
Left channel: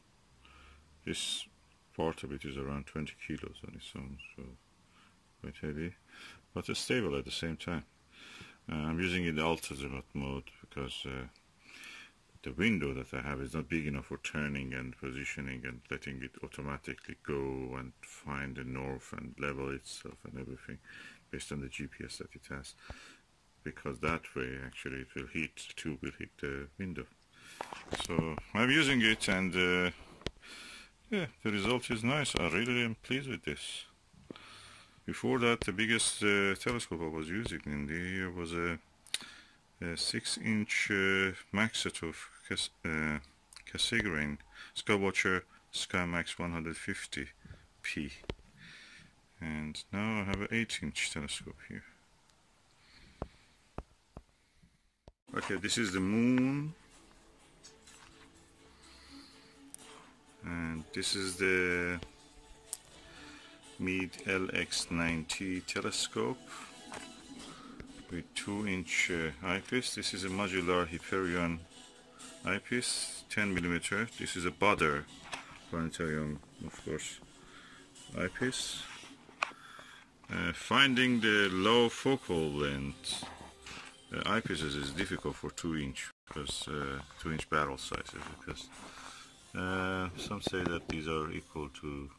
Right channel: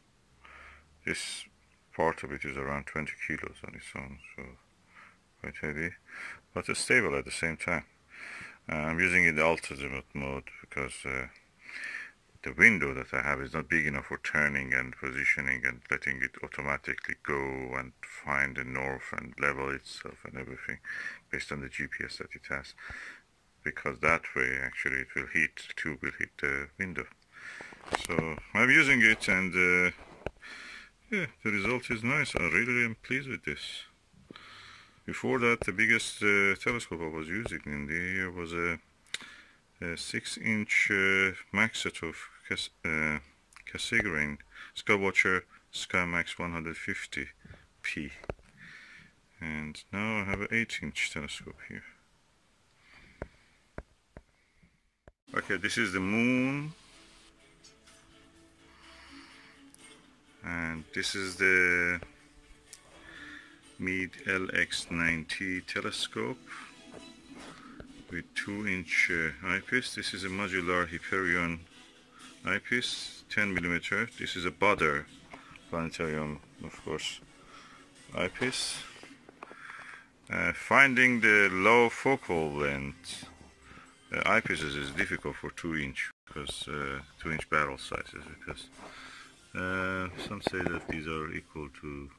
This part of it is around 20 kilos on its own, so quite heavy, but it's stable at the same time. I'm using it in the ultra-azimuth mode because the window that I have is not big enough for turning and positioning and letting it automatically go and find the north and level itself and everything based on the GPS that it has, because that way actually it will hit, the tube will hit the window. So I'm using it, and yeah, the result is nice. I really am pleased with this. Before that, the biggest telescope I was using in the year was a 6-inch Schmidt-Cassegrain Skywatcher SkyMax 150p, and now I have an 8-inch telescope here. Okay, this is the moon, and this is the Meade LX90 telescope with 2-inch eyepiece. This is a modular Hyperion eyepiece, 10 millimeter. This is a Butter planetarium, of course, eyepiece. Finding the low focal length eyepieces is difficult for 2-inch, because 2-inch barrel sizes, because some say that these are equal to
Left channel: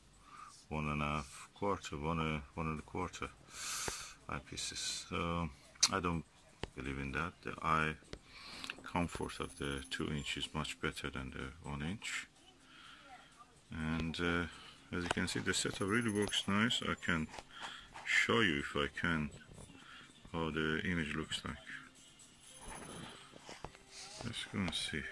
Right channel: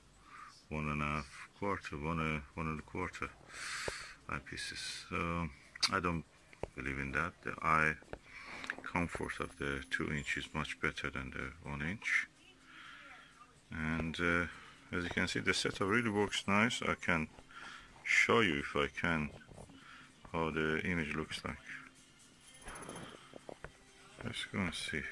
1.25 eyepieces. So I don't believe in that. The eye comfort of the 2-inch is much better than the 1-inch. And as you can see, the setup really works nice. I can show you, if I can, how the image looks like. Let's go and see.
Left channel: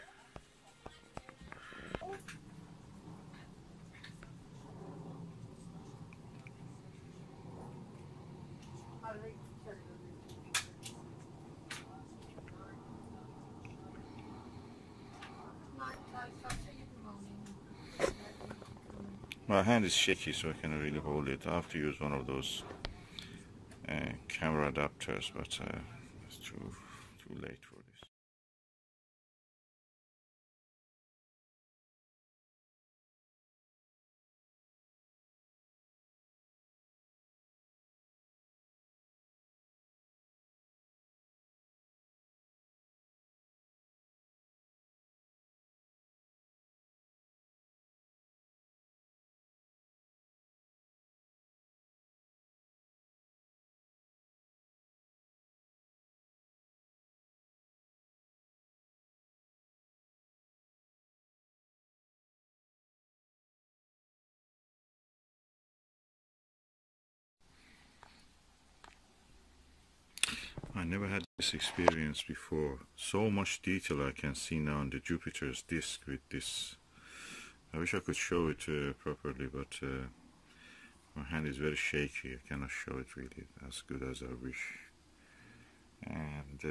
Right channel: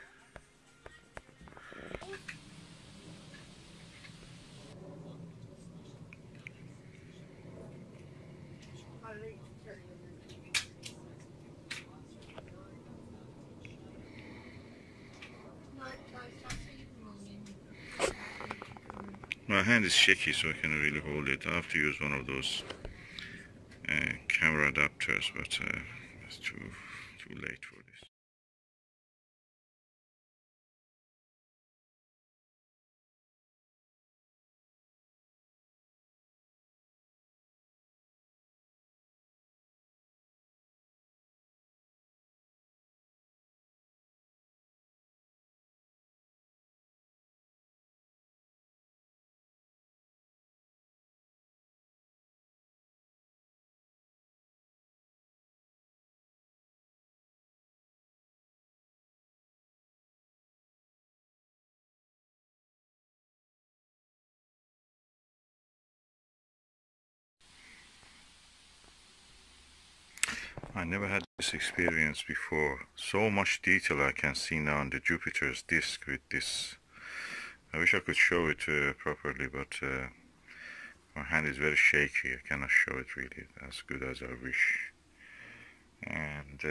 My hand is shaky, so I can't really hold it. I have to use one of those camera adapters, but it's too late for this. I never had this experience before. So much detail I can see now on the Jupiter's disk with this. I wish I could show it properly, but my hand is very shaky. I cannot show it really as good as I wish. And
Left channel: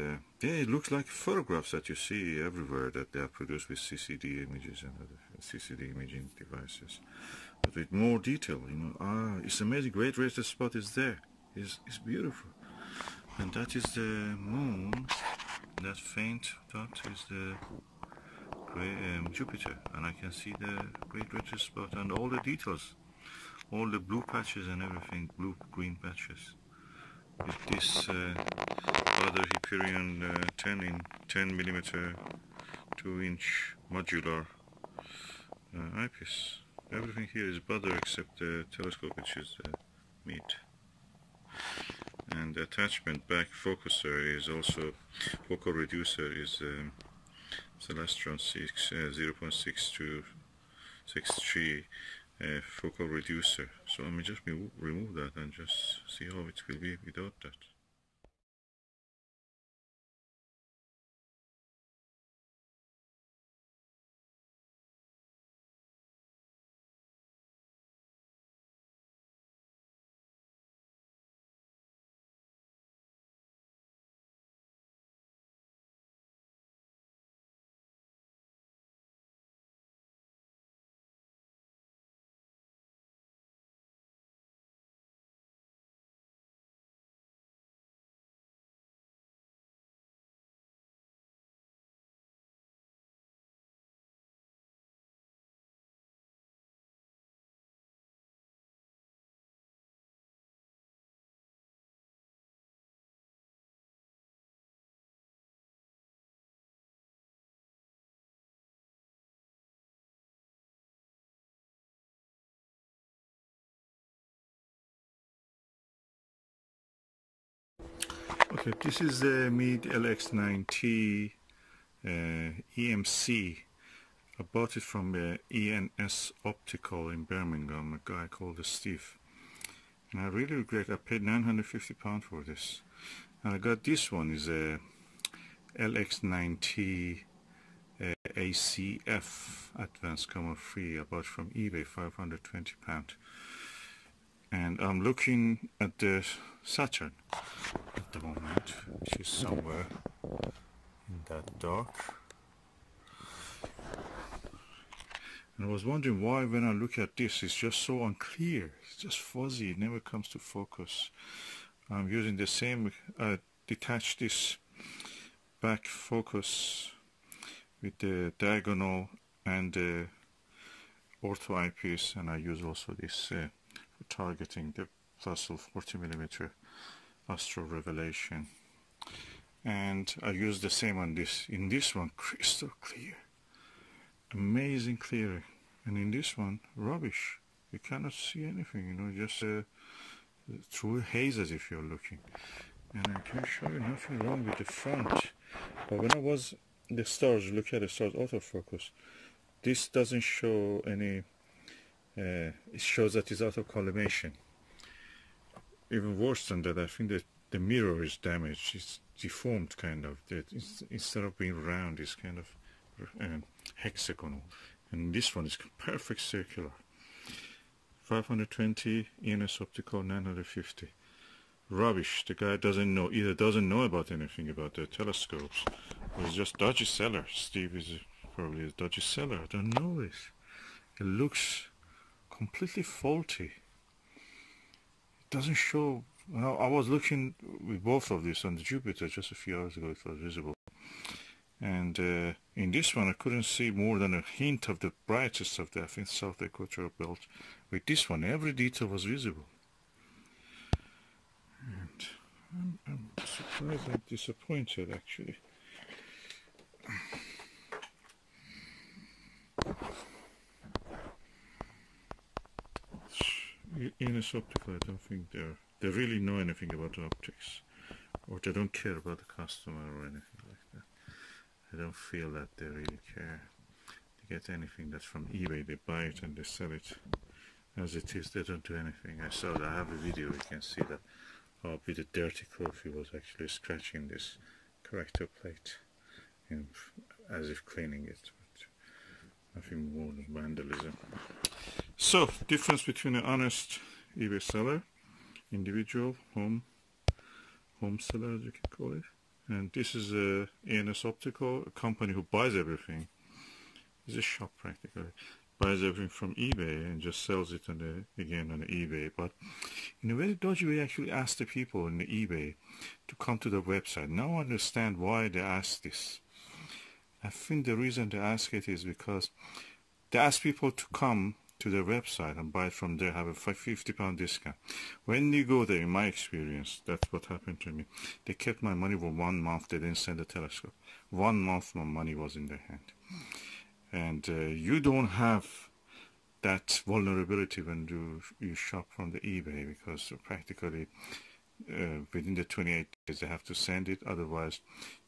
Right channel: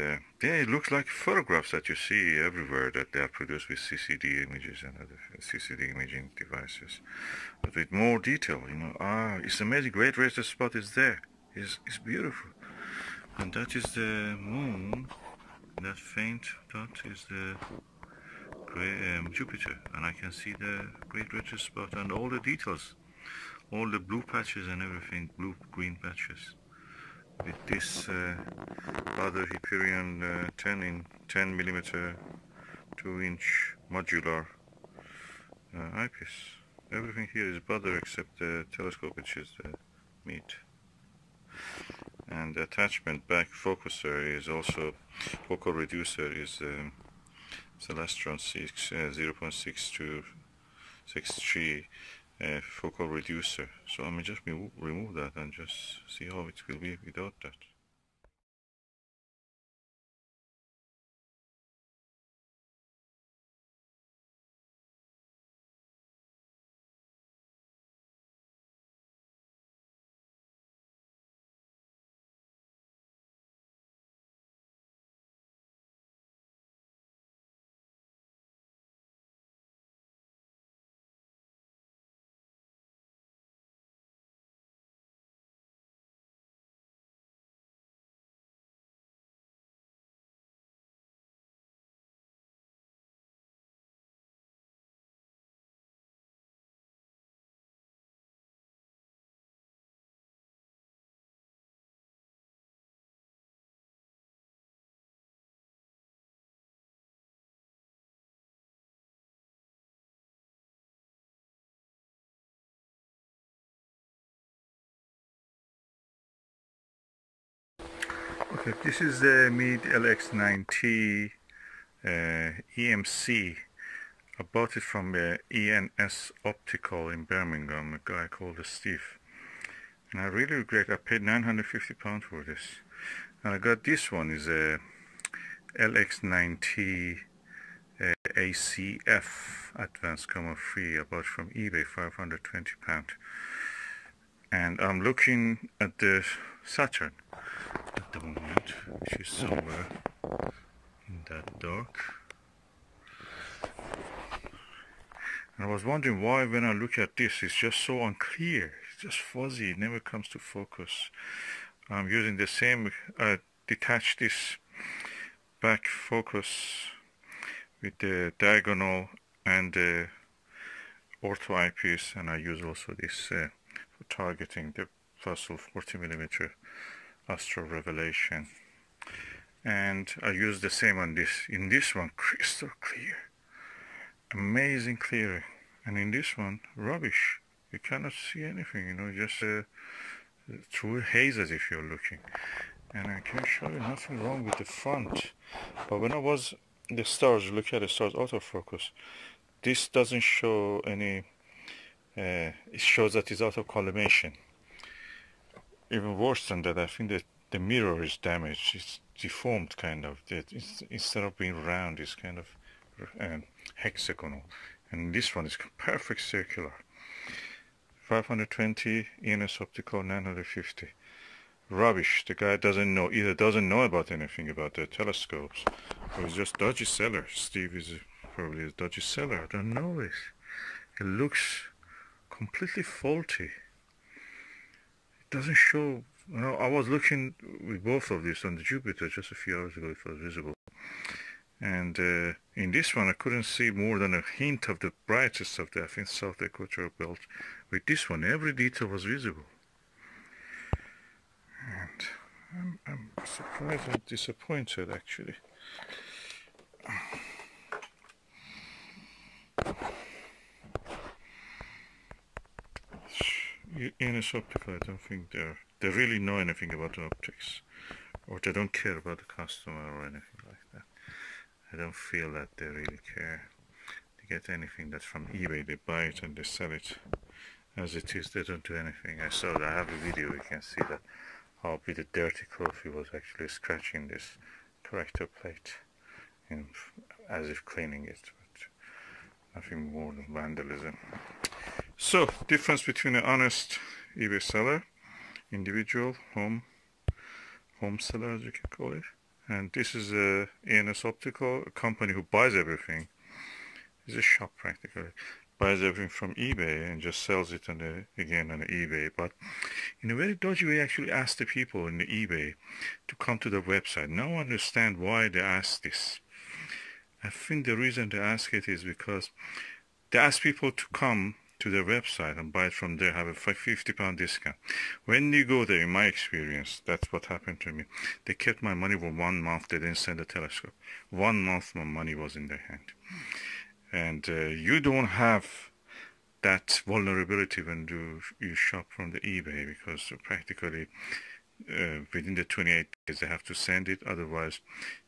yeah, it looks like photographs that you see everywhere that they are produced with CCD images and other CCD imaging devices, but with more detail. You know, it's amazing. Great red spot is there. It's beautiful. And that is the moon. That faint dot is the Jupiter, and I can see the great red spot and all the details, all the blue patches and everything, blue green patches. With this other Hyperion 10 millimeter 2-inch modular eyepiece. Everything here is Butter except the telescope, which is the Meade. And the attachment back focuser is also, focal reducer is Celestron 0.6263 focal reducer. So I may just remove that and just see how it will be without that. Okay, this is the Meade LX90 EMC. I bought it from ENS Optical in Birmingham, a guy called Steve. And I really regret I paid £950 for this. And I got this one, is a LX90 ACF Advanced Coma Free. I bought from eBay, £520. And I'm looking at the Saturn at the moment, which is somewhere in that dark. And I was wondering why when I look at this it's just so unclear, it's just fuzzy, it never comes to focus. I'm using the same, detach this back focus with the diagonal and the ortho eyepiece, and I use also this for targeting the Fossil 40mm Astro Revelation, and I use the same on this. In this one, crystal clear, amazing clearing, and in this one, rubbish. You cannot see anything, you know, just through hazes if you're looking. And I can show you nothing wrong with the front, but when I was the stars, look at the stars autofocus, this doesn't show any. It shows that it's out of collimation. Even worse than that, I think that the mirror is damaged. It's deformed, kind of. Instead of being round, it's kind of hexagonal. And this one is perfect circular. 520, ENS Optical 950. Rubbish. The guy doesn't know, either doesn't know about anything about the telescopes, or he's just dodgy seller. Steve is probably a dodgy seller. I don't know it. It looks completely faulty. It doesn't show. You know, I was looking with both of these on the Jupiter just a few hours ago. It was visible, and in this one I couldn't see more than a hint of the brightest of the, I think, South Equatorial Belt. With this one, every detail was visible, and I'm surprised and disappointed actually. ENS Optical, I don't think they really know anything about the optics, or they don't care about the customer or anything like that. I don't feel that they really care. They get anything that's from eBay, they buy it and they sell it as it is. They don't do anything. I saw that. I have a video, you can see that how with a dirty cloth he was actually scratching this corrector plate as if cleaning it, but nothing more than vandalism. So, difference between an honest eBay seller, individual home seller as you can call it, and this is a ENS Optical, a company who buys everything. It's a shop practically, buys everything from eBay and just sells it again on eBay, but in a very dodgy way actually asks the people in the eBay to come to their website. Now I understand why they ask this. I think the reason they ask it is because they ask people to come to their website and buy it from there, have a £50 discount. When you go there, in my experience, that's what happened to me. They kept my money for 1 month. They didn't send a telescope. 1 month my money was in their hand. And you don't have that vulnerability when you shop from the eBay, because practically within the 28 days they have to send it. Otherwise,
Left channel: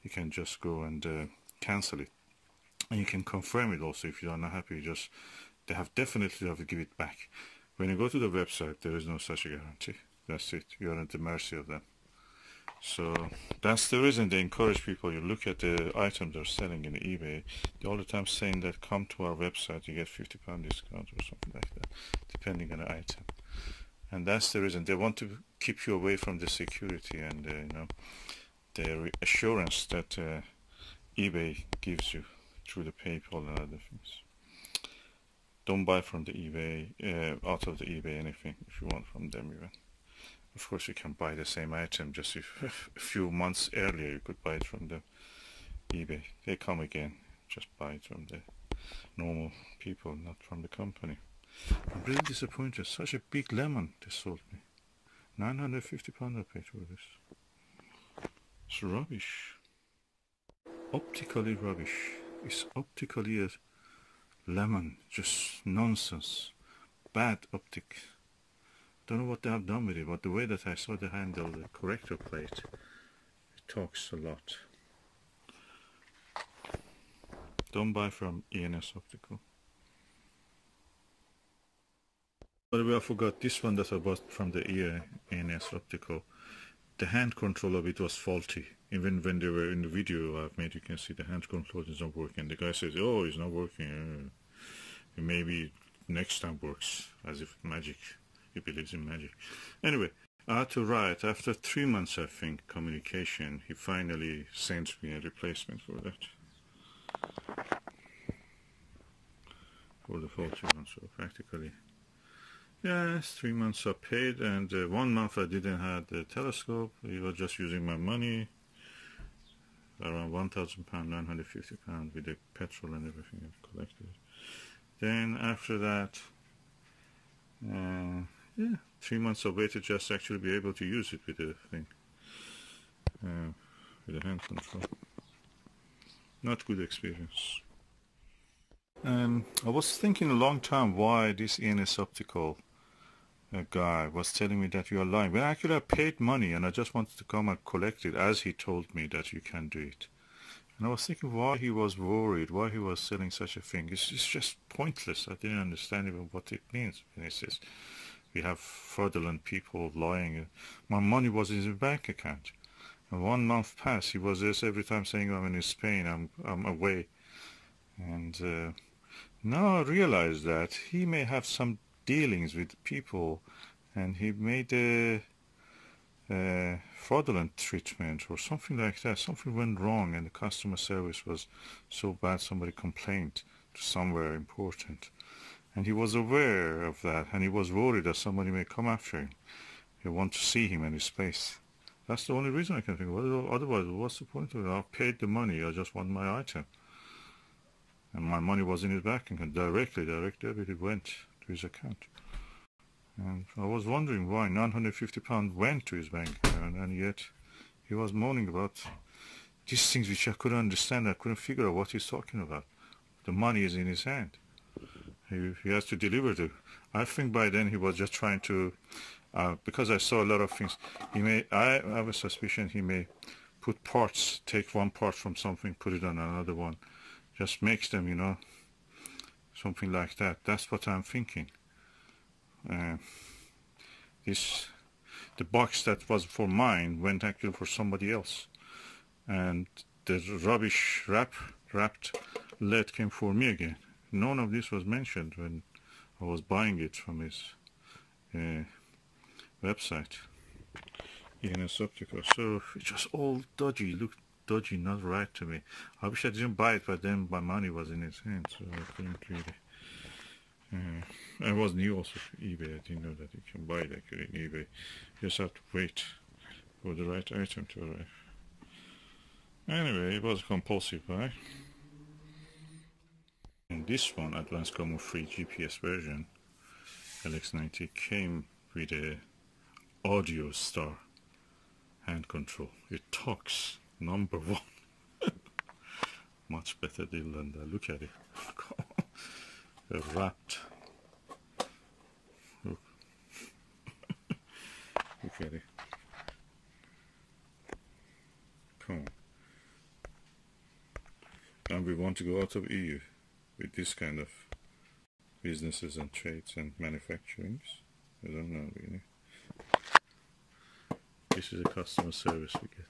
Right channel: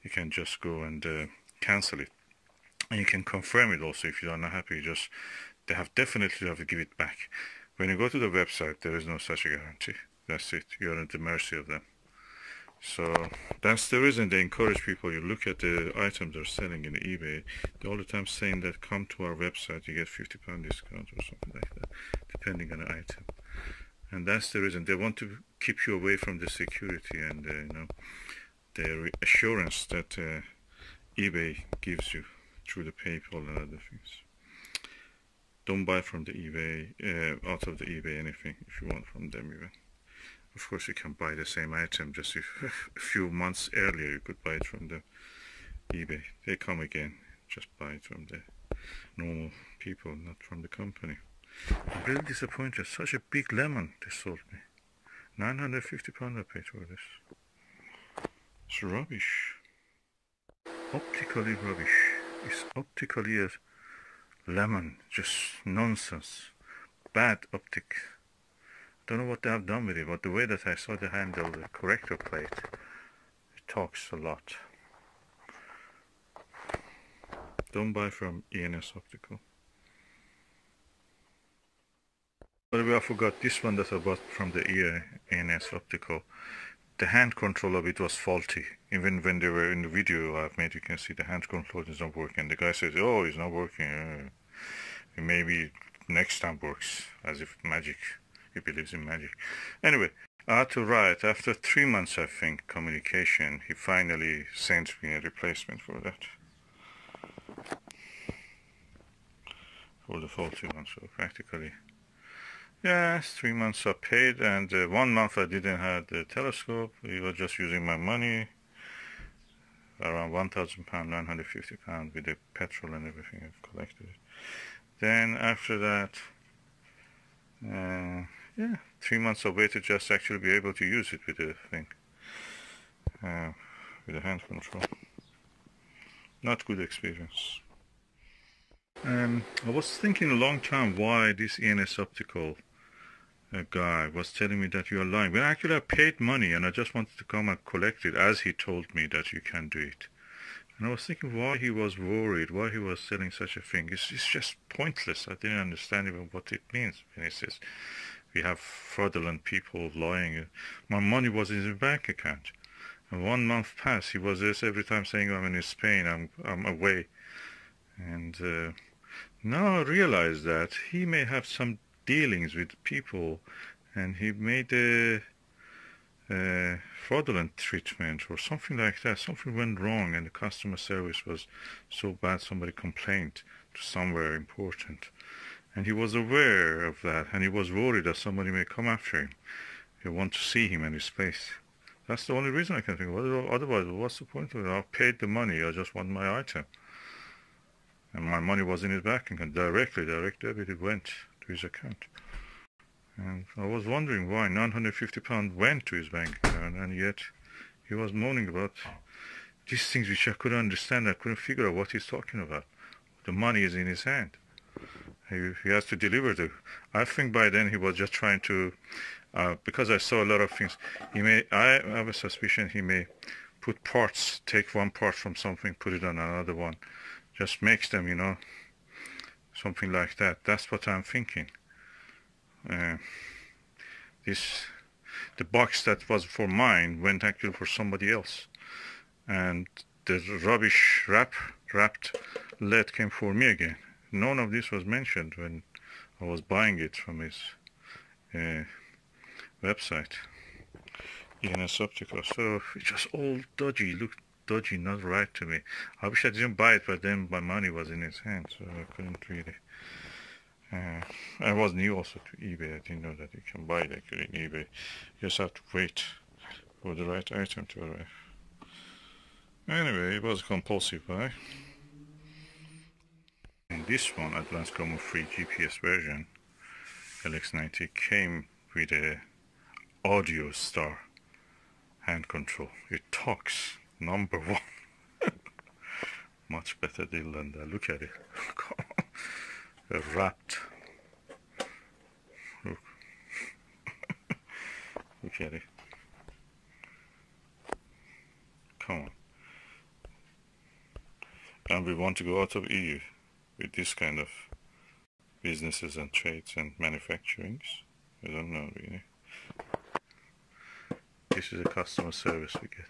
you can just go and cancel it. And you can confirm it also if you are not happy. They definitely have to give it back. When you go to the website, there is no such a guarantee. That's it. You're at the mercy of them. So that's the reason they encourage people. You look at the items they're selling in eBay, they're all the time saying that come to our website, you get £50 discount or something like that, depending on the item. And that's the reason they want to keep you away from the security and the assurance that eBay gives you through the PayPal and other things. Don't buy from the eBay, out of the eBay anything if you want from them even. Of course you can buy the same item just a few months earlier you could buy it from the eBay. They come again, just buy it from the normal people, not from the company. I'm really disappointed. Such a big lemon they sold me. £950 I paid for this. It's rubbish. Optically rubbish. It's optically a lemon, just nonsense. Bad optic. Don't know what they have done with it, but the way that I saw the handle, the corrector plate, it talks a lot. Don't buy from ENS Optical. By the way, I forgot this one that I bought from the ENS Optical. The hand control of it was faulty. Even when they were in the video I've made, you can see the hand control is not working. The guy says, oh, it's not working. Maybe next time works, as if magic. He believes in magic. Anyway, I had to write. After 3 months, I think, communication, he finally sent me a replacement for that. For the faulty one, so practically. Yes, 3 months I paid, and 1 month I didn't have the telescope. He was just using my money, around £1,000, £950 with the petrol and everything I've collected. Then after that, 3 months I waited just to actually be able to use it with the thing, with the hand control. Not good experience. I was thinking a long time why this ENS Optical guy was telling me that you are lying. When actually I paid money and I just wanted to come and collect it as he told me that you can do it. And I was thinking why he was worried, why he was selling such a thing. It's just pointless. I didn't understand even what it means when he says we have fraudulent people lying. My money was in his bank account. And 1 month passed. He was just every time saying I'm in Spain, I'm away. And now I realize that he may have some dealings with people and he made a fraudulent treatment or something like that. Something went wrong and the customer service was so bad somebody complained to somewhere important. And he was aware of that and he was worried that somebody may come after him. He want to see him in his place. That's the only reason I can think of. Otherwise, what's the point of it? I paid the money, I just want my item. And my money was in his bank account. Direct debit, it went to his account. And I was wondering why £950 went to his bank account, and yet he was moaning about these things which I couldn't understand. I couldn't figure out what he's talking about. The money is in his hand. He has to deliver the... I think by then he was just trying to... because I saw a lot of things. I have a suspicion he may put parts, take one part from something, put it on another one. Just makes them, something like that. That's what I'm thinking. the box that was for mine went actually for somebody else, and the rubbish wrapped lead came for me again. None of this was mentioned when I was buying it from his website, ENS Optical. So it was all dodgy, looked dodgy, not right to me. I wish I didn't buy it, but then my money was in his hand, so I couldn't really. I was new also to eBay. I didn't know that you can buy it actually in eBay. You just have to wait for the right item to arrive. Anyway, it was a compulsive buy. And this one, Advanced Coma free GPS version, LX90, came with a audio star hand control. It talks, number one. Much better deal than that. Look at it. Wrapped. Look. Look at it. Come on. And we want to go out of EU with this kind of businesses and trades and manufacturings. I don't know really. This is a customer service we get.